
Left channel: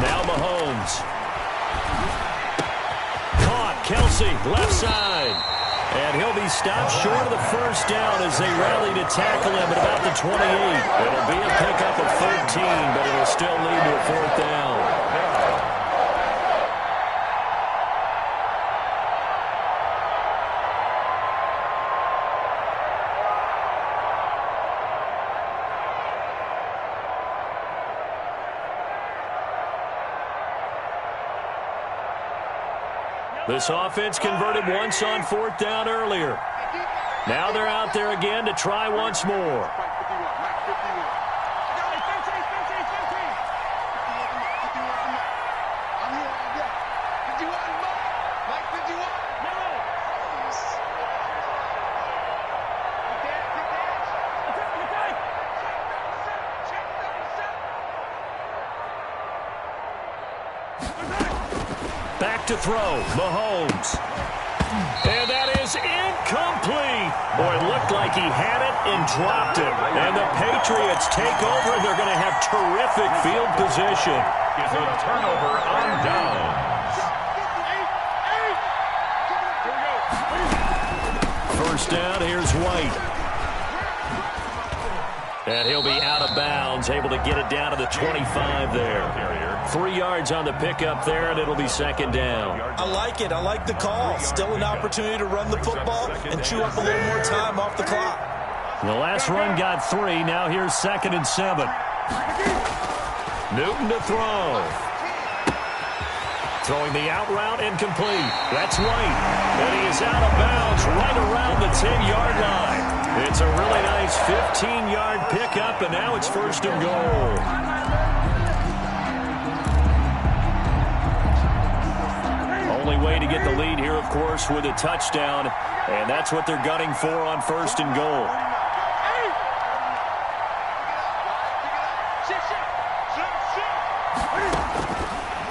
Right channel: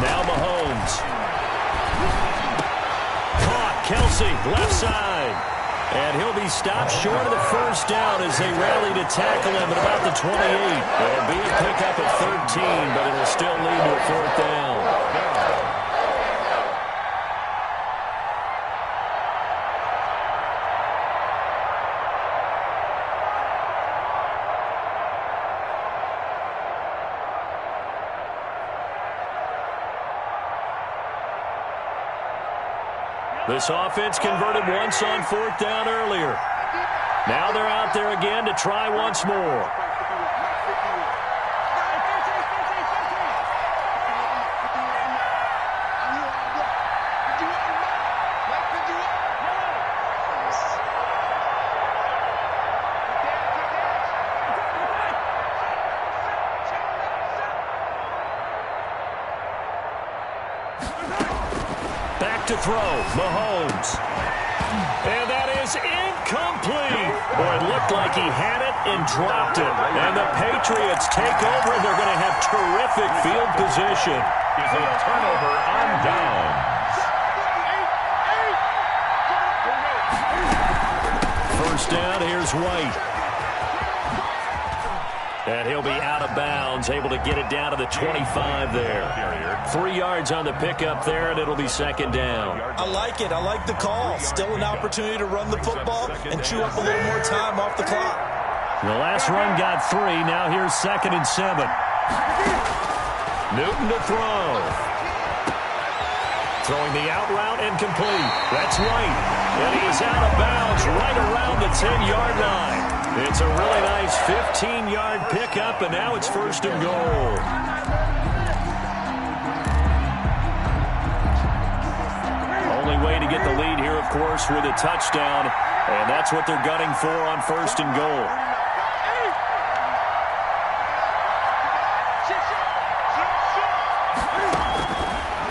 Now Mahomes. Caught. Kelsey, left side. And he'll be stopped short of the 1st down as they rally to tackle him at about the 28. It'll be a pickup of 13, but it'll still lead to a 4th down. This offense converted once on 4th down earlier. Now they're out there again to try once more. Back to throw, Mahomes. And that is incomplete. Boy, it looked like he had it and dropped it. And the Patriots take over, and they're going to have terrific field position. Is a turnover on downs. First down, here's White. And he'll be out of bounds, able to get it down to the 25 there. 3 yards on the pickup there, and it'll be second down. I like it. I like the call. Still an opportunity to run the football and chew up a little more time off the clock. The last run got 3. Now here's 2nd and 7. Newton to throw. Throwing the out route incomplete. That's White. And he is out of bounds right around the 10-yard line. It's a really nice 15-yard pickup, and now it's 1st and goal. Only way to get the lead here, of course, with a touchdown, and that's what they're gunning for on 1st and goal.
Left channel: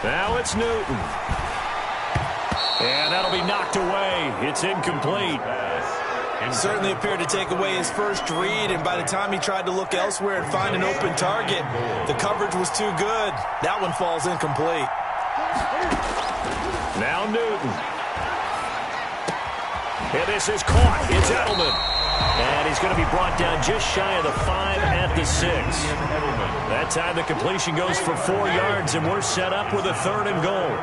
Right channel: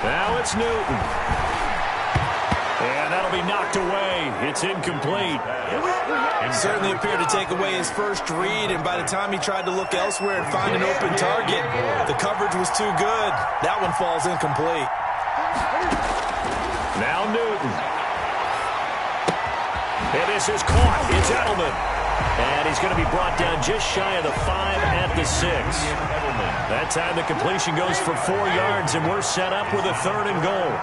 Now it's Newton. And that'll be knocked away. It's incomplete. Certainly appeared to take away his first read, and by the time he tried to look elsewhere and find an open target, the coverage was too good. That one falls incomplete. Now Newton. And this is caught. It's Edelman. And he's going to be brought down just shy of the 5 at the 6. That time the completion goes for 4 yards, and we're set up with a 3rd and goal.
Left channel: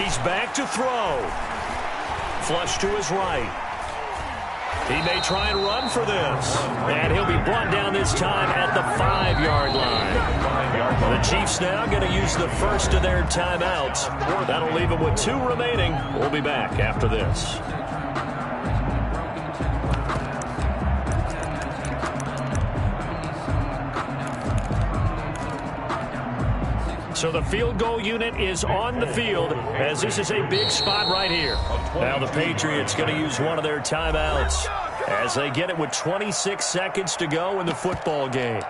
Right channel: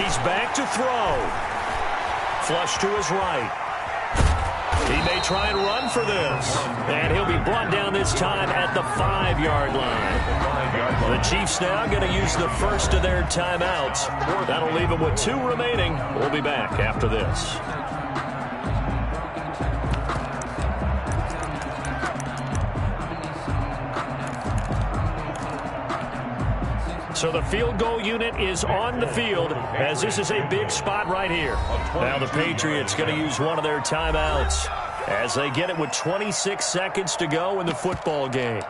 He's back to throw. Flush to his right. He may try and run for this. And he'll be brought down this time at the 5-yard line. The Chiefs now going to use the first of their timeouts. That'll leave them with 2 remaining. We'll be back after this. So the field goal unit is on the field, as this is a big spot right here. Now the Patriots going to use one of their timeouts as they get it with 26 seconds to go in the football game.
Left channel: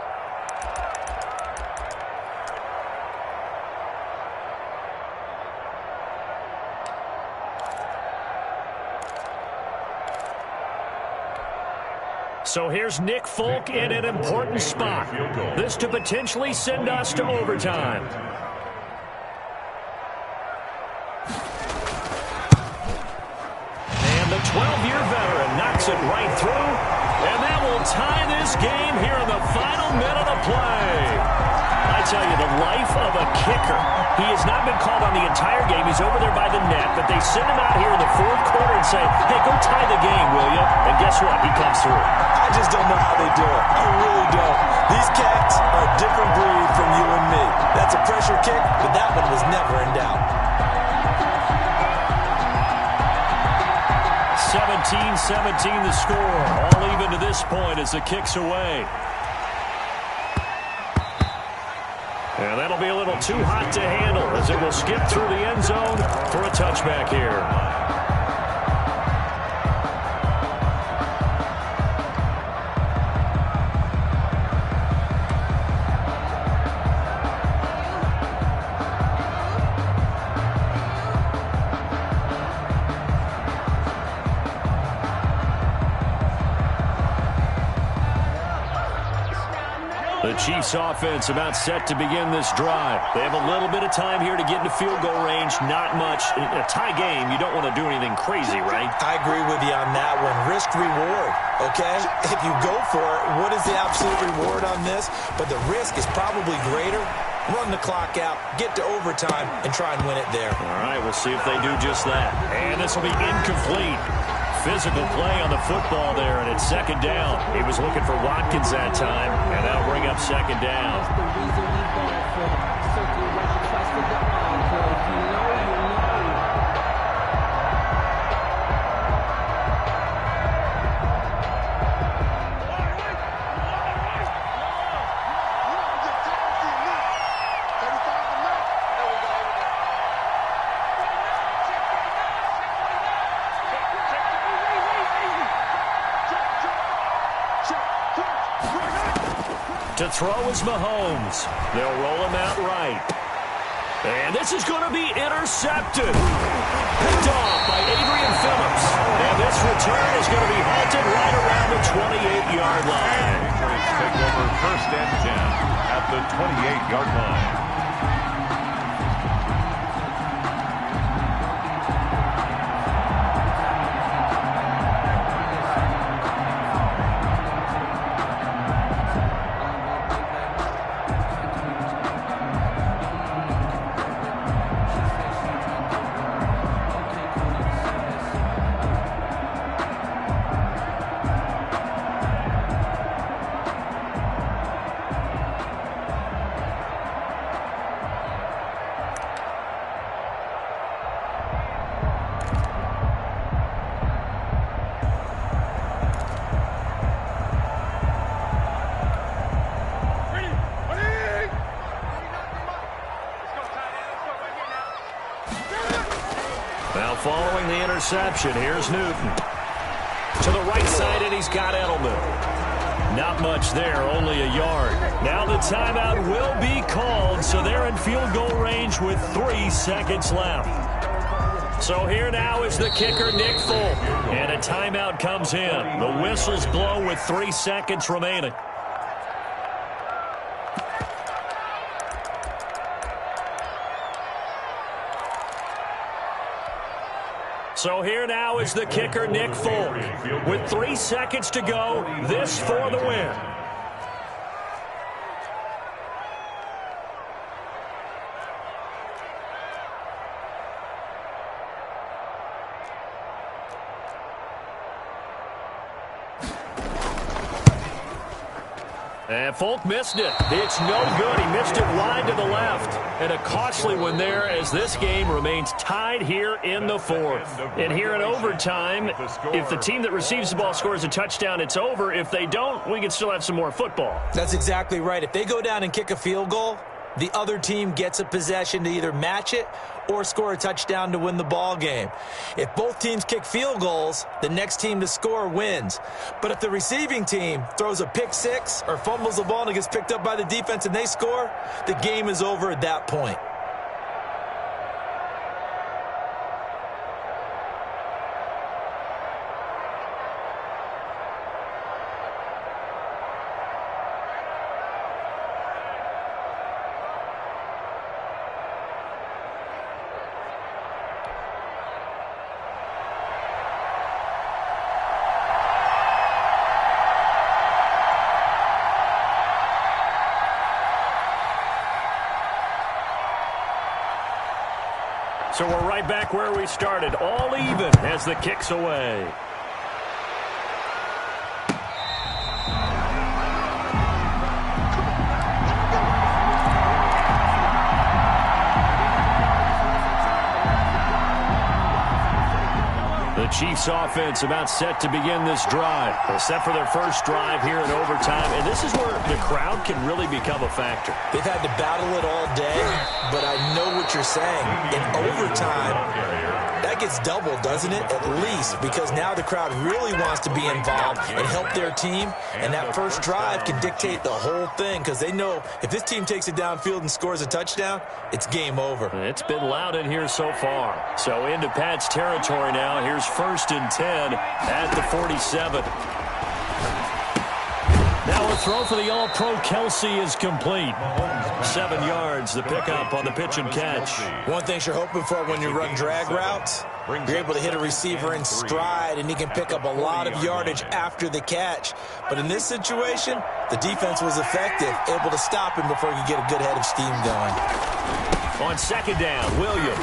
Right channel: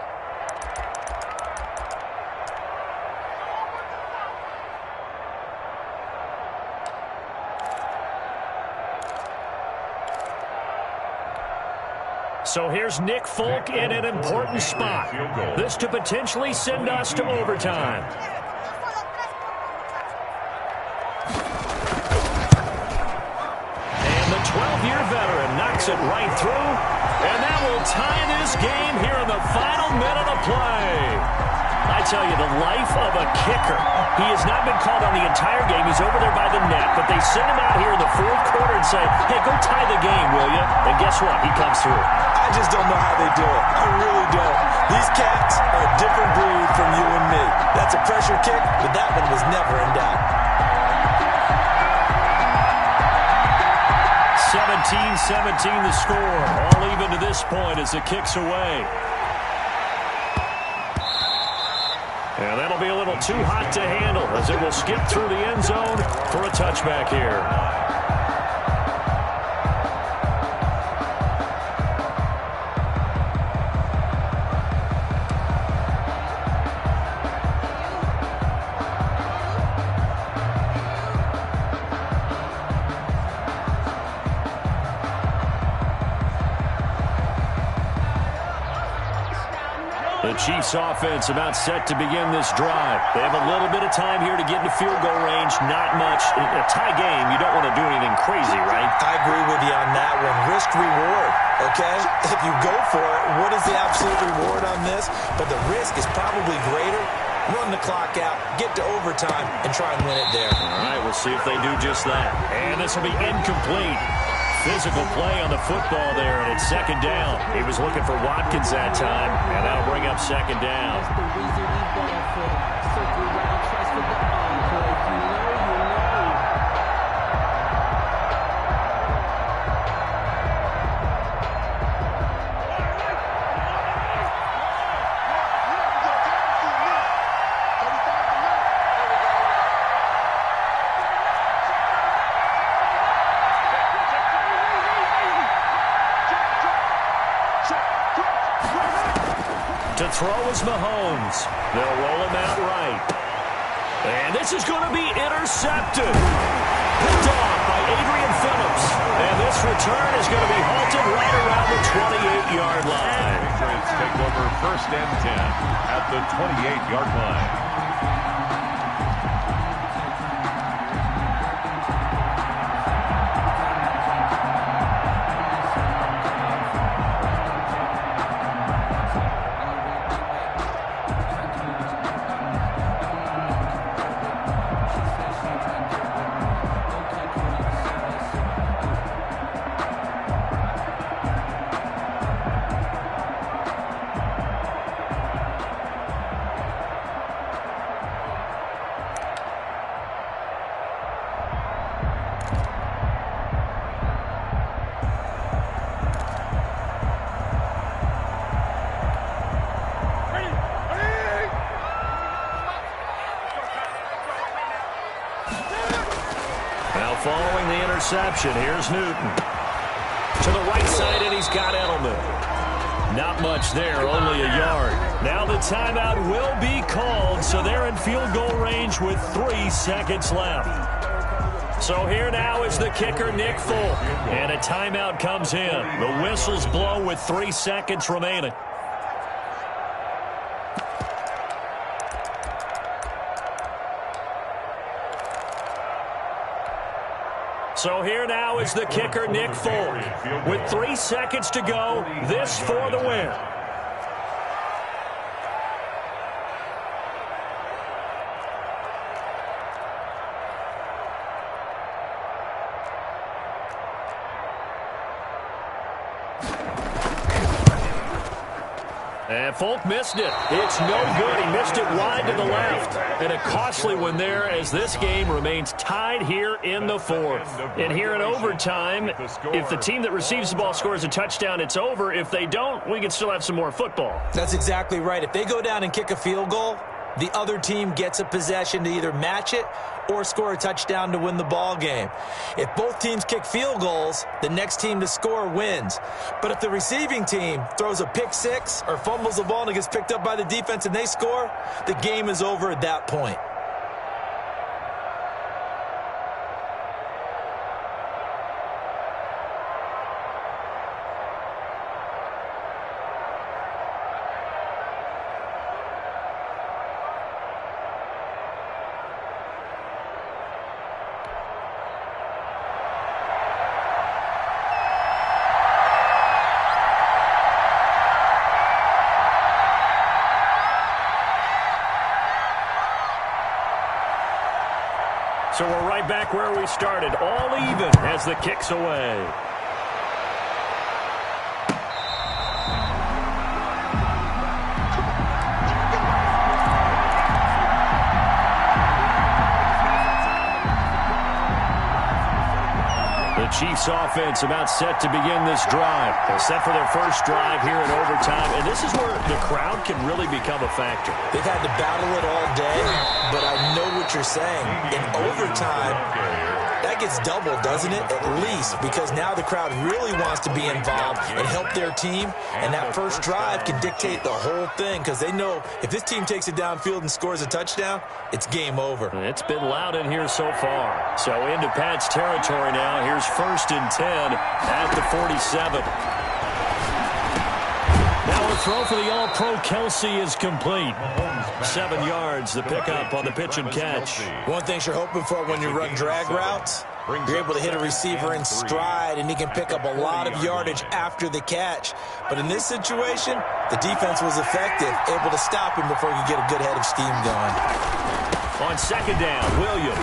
So here's Nick Folk in an important spot. This to potentially send us to overtime. And the 12-year veteran knocks it right through. And that will tie this game here in the final minute of play. I tell you, the life of a kicker. He has not been called on the entire game. He's over there by the net, but they send him out here in the 4th quarter and say, hey, go tie the game, will you? And guess what? He comes through. I just don't know how they do it. I really don't. These cats are a different breed from you and me. That's a pressure kick, but that one was never in doubt. 17-17 the score. All even to this point as the kick's away. And that'll be a little too hot to handle as it will skip through the end zone for a touchback here. The Chiefs offense about set to begin this drive. They have a little bit of time here to get into field goal range. Not much. In a tie game, you don't want to do anything crazy, right? I agree with you on that one. Risk reward, okay? If you go for it, what is the absolute reward on this? But the risk is probably greater. Run the clock out, get to overtime, and try and win it there. All right, we'll see if they do just that. And this will be incomplete. Physical play on the football there, and it's 2nd down. He was looking for Watkins that time, and that'll bring up 2nd down. That's the reason we ball for. Circle around twice for the encore. If you know, you know. To throw is Mahomes. They'll roll him out right. And this is going to be intercepted. Picked off by Adrian Phillips. And this return is going to be halted right around the 28-yard line. Patriots take over 1st and 10 at the 28-yard line. Now following the interception, here's Newton. To the right side, and he's got Edelman. Not much there, only a yard. Now the timeout will be called, so they're in field goal range with 3 seconds left. So here now is the kicker, Nick Folk. And a timeout comes in. The whistles blow with 3 seconds remaining. So here now is the kicker, Nick Folk. With 3 seconds to go, this for the win. And Folk missed it. It's no good. He missed it wide to the left. And a costly one there as this game remains tied here in the 4th. And here in overtime, if the team that receives the ball scores a touchdown, it's over. If they don't, we can still have some more football. That's exactly right. If they go down and kick a field goal, the other team gets a possession to either match it or score a touchdown to win the ball game. If both teams kick field goals, the next team to score wins. But if the receiving team throws a pick six or fumbles the ball and it gets picked up by the defense and they score, the game is over at that point. So we're right back where we started, all even as the kick's away. The Chiefs offense about set to begin this drive. They're set for their first drive here in overtime, and this is where the crowd can really become a factor. They've had to battle it all day, but I know what you're saying. In overtime, that gets doubled, doesn't it? At least, because now the crowd really wants to be involved and help their team, and that first drive can dictate the whole thing because they know if this team takes it downfield and scores a touchdown, it's game over. It's been loud in here so far. So into Pat's territory now. Here's 1st and 10 at the 47. Now a throw for the All-Pro Kelsey is complete. 7 yards, the pickup on the pitch and catch. One thing you're hoping for when you run drag routes, you're able to hit a receiver in stride, and he can pick up a lot of yardage after the catch. But in this situation, the defense was effective, able to stop him before he could get a good head of steam going. On 2nd down, Williams.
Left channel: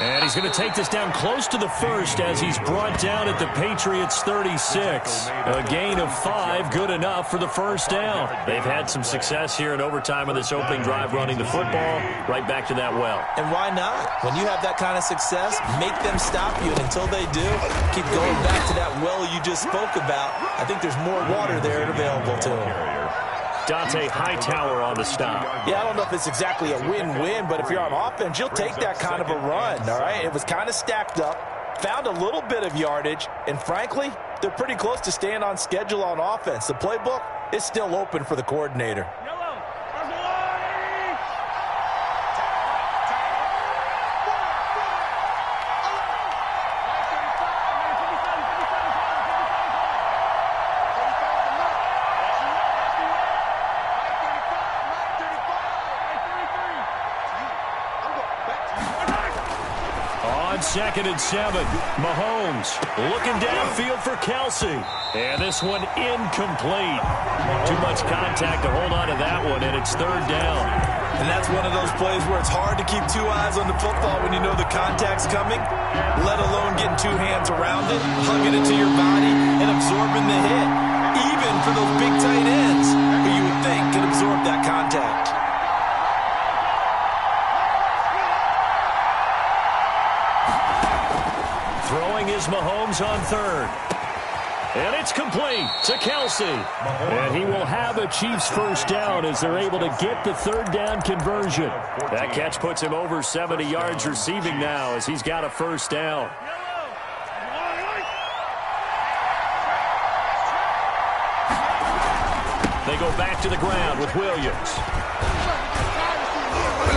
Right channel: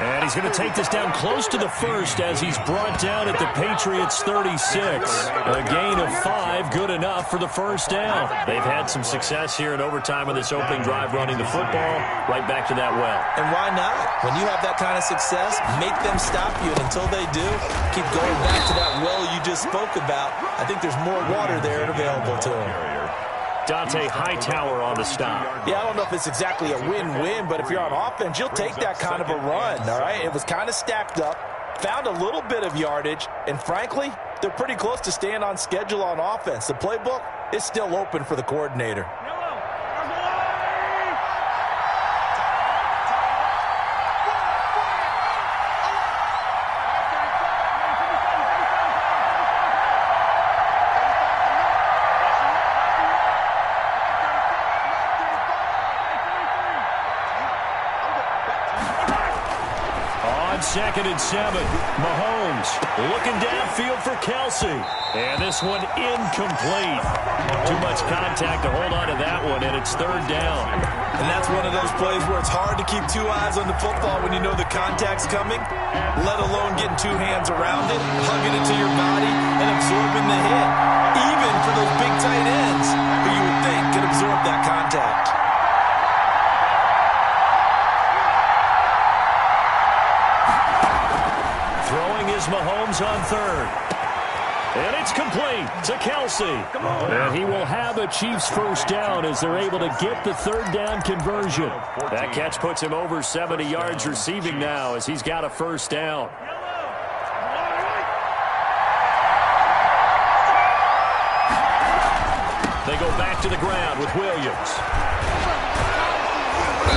And he's going to take this down close to the 1st as he's brought down at the Patriots' 36. A gain of 5, good enough for the 1st down. They've had some success here in overtime on this opening drive running the football. Right back to that well. And why not? When you have that kind of success, make them stop you. And until they do, keep going back to that well you just spoke about. I think there's more water there and available to them. Dante Hightower on the stop. Yeah, I don't know if it's exactly a win-win, but if you're on offense, you'll take that kind of a run, all right? It was kind of stacked up, found a little bit of yardage, and frankly, they're pretty close to staying on schedule on offense. The playbook is still open for the coordinator. On 2nd and 7, Mahomes looking downfield for Kelsey. And this one incomplete. Too much contact to hold on to that one, and it's 3rd down. And that's one of those plays where it's hard to keep 2 eyes on the football when you know the contact's coming, let alone getting 2 hands around it, hugging it to your body, and absorbing the hit. Even for those big tight ends who you would think could absorb that contact. Throwing is Mahomes on 3rd. And it's complete to Kelsey. And he will have a Chiefs first down as they're able to get the 3rd down conversion. That catch puts him over 70 yards receiving now as he's got a first down. They go back to the ground with Williams.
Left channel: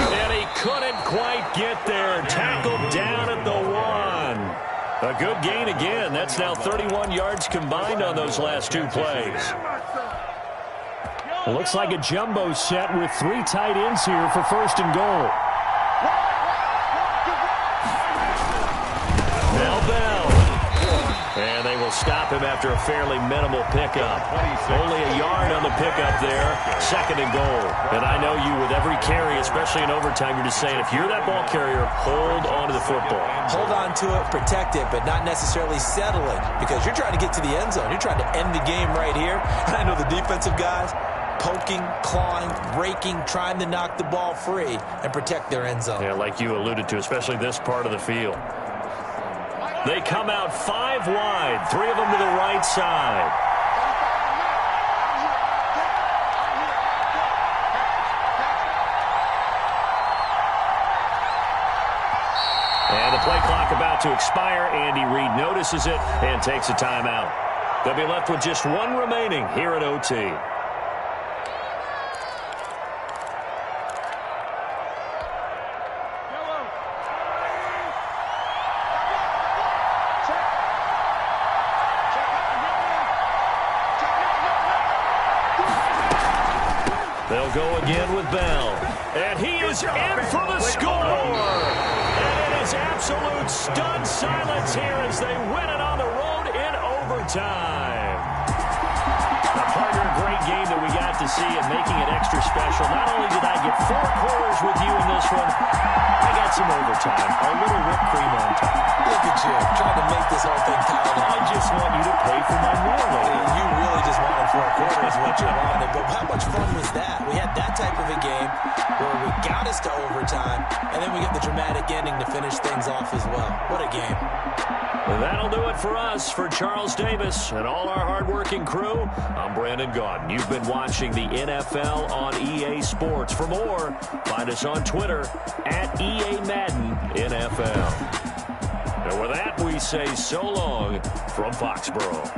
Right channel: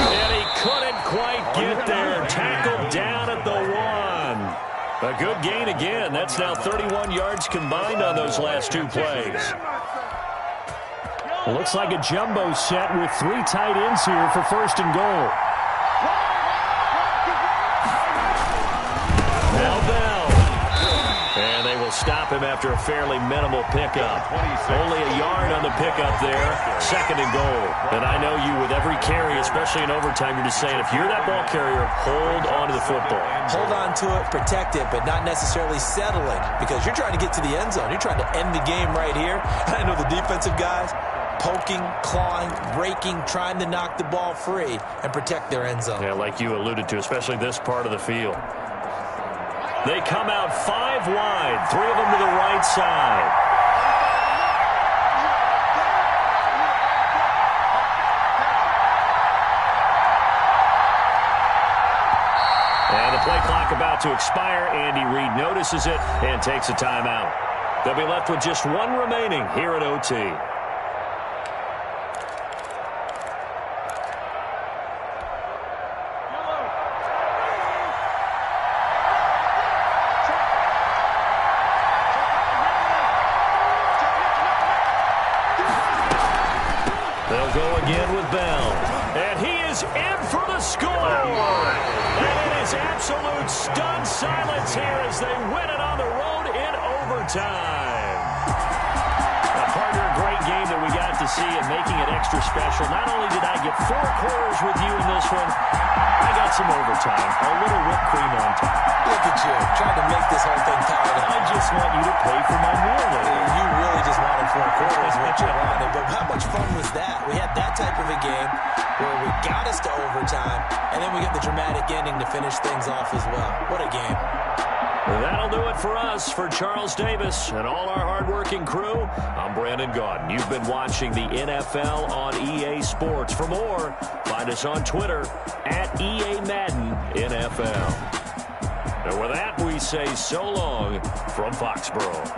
And he couldn't quite get there. Tackled down at the 1. A good gain again. That's now 31 yards combined on those last 2 plays. Looks like a jumbo set with 3 tight ends here for 1st and goal. Now Bell. And they will stop him after a fairly minimal pickup. Only a yard on the pickup there. 2nd and goal. And I know you, with every carry, especially in overtime, you're just saying, if you're that ball carrier, hold on to the football. Hold on to it, protect it, but not necessarily settle it, because you're trying to get to the end zone. You're trying to end the game right here. And I know the defensive guys poking, clawing, raking, trying to knock the ball free and protect their end zone. Yeah, like you alluded to, especially this part of the field. They come out 5 wide, 3 of them to the right side. And the play clock about to expire. Andy Reid notices it and takes a timeout. They'll be left with just 1 remaining here at OT. They'll go again with Bell. And he is in for the score. And it is absolute stunned silence here as they win it on the road in overtime. Now, partner, a great game that we got to see and making it extra special. Not only did I get 4 quarters with you in this one, I got some overtime. A little whipped cream on top. Look at you, trying to make this whole thing count. I just want you to pay for my meal later. You really just wanted 4 quarters, what you wanted. But how much fun was that? We had that type of a game where we got us to overtime, and then we get the dramatic ending to finish things off as well. What a game. That'll do it for us. For Charles Davis and all our hardworking crew, I'm Brandon Gaudin. You've been watching the NFL on EA Sports. For more, find us on Twitter at EA Madden NFL. And with that, we say so long from Foxborough.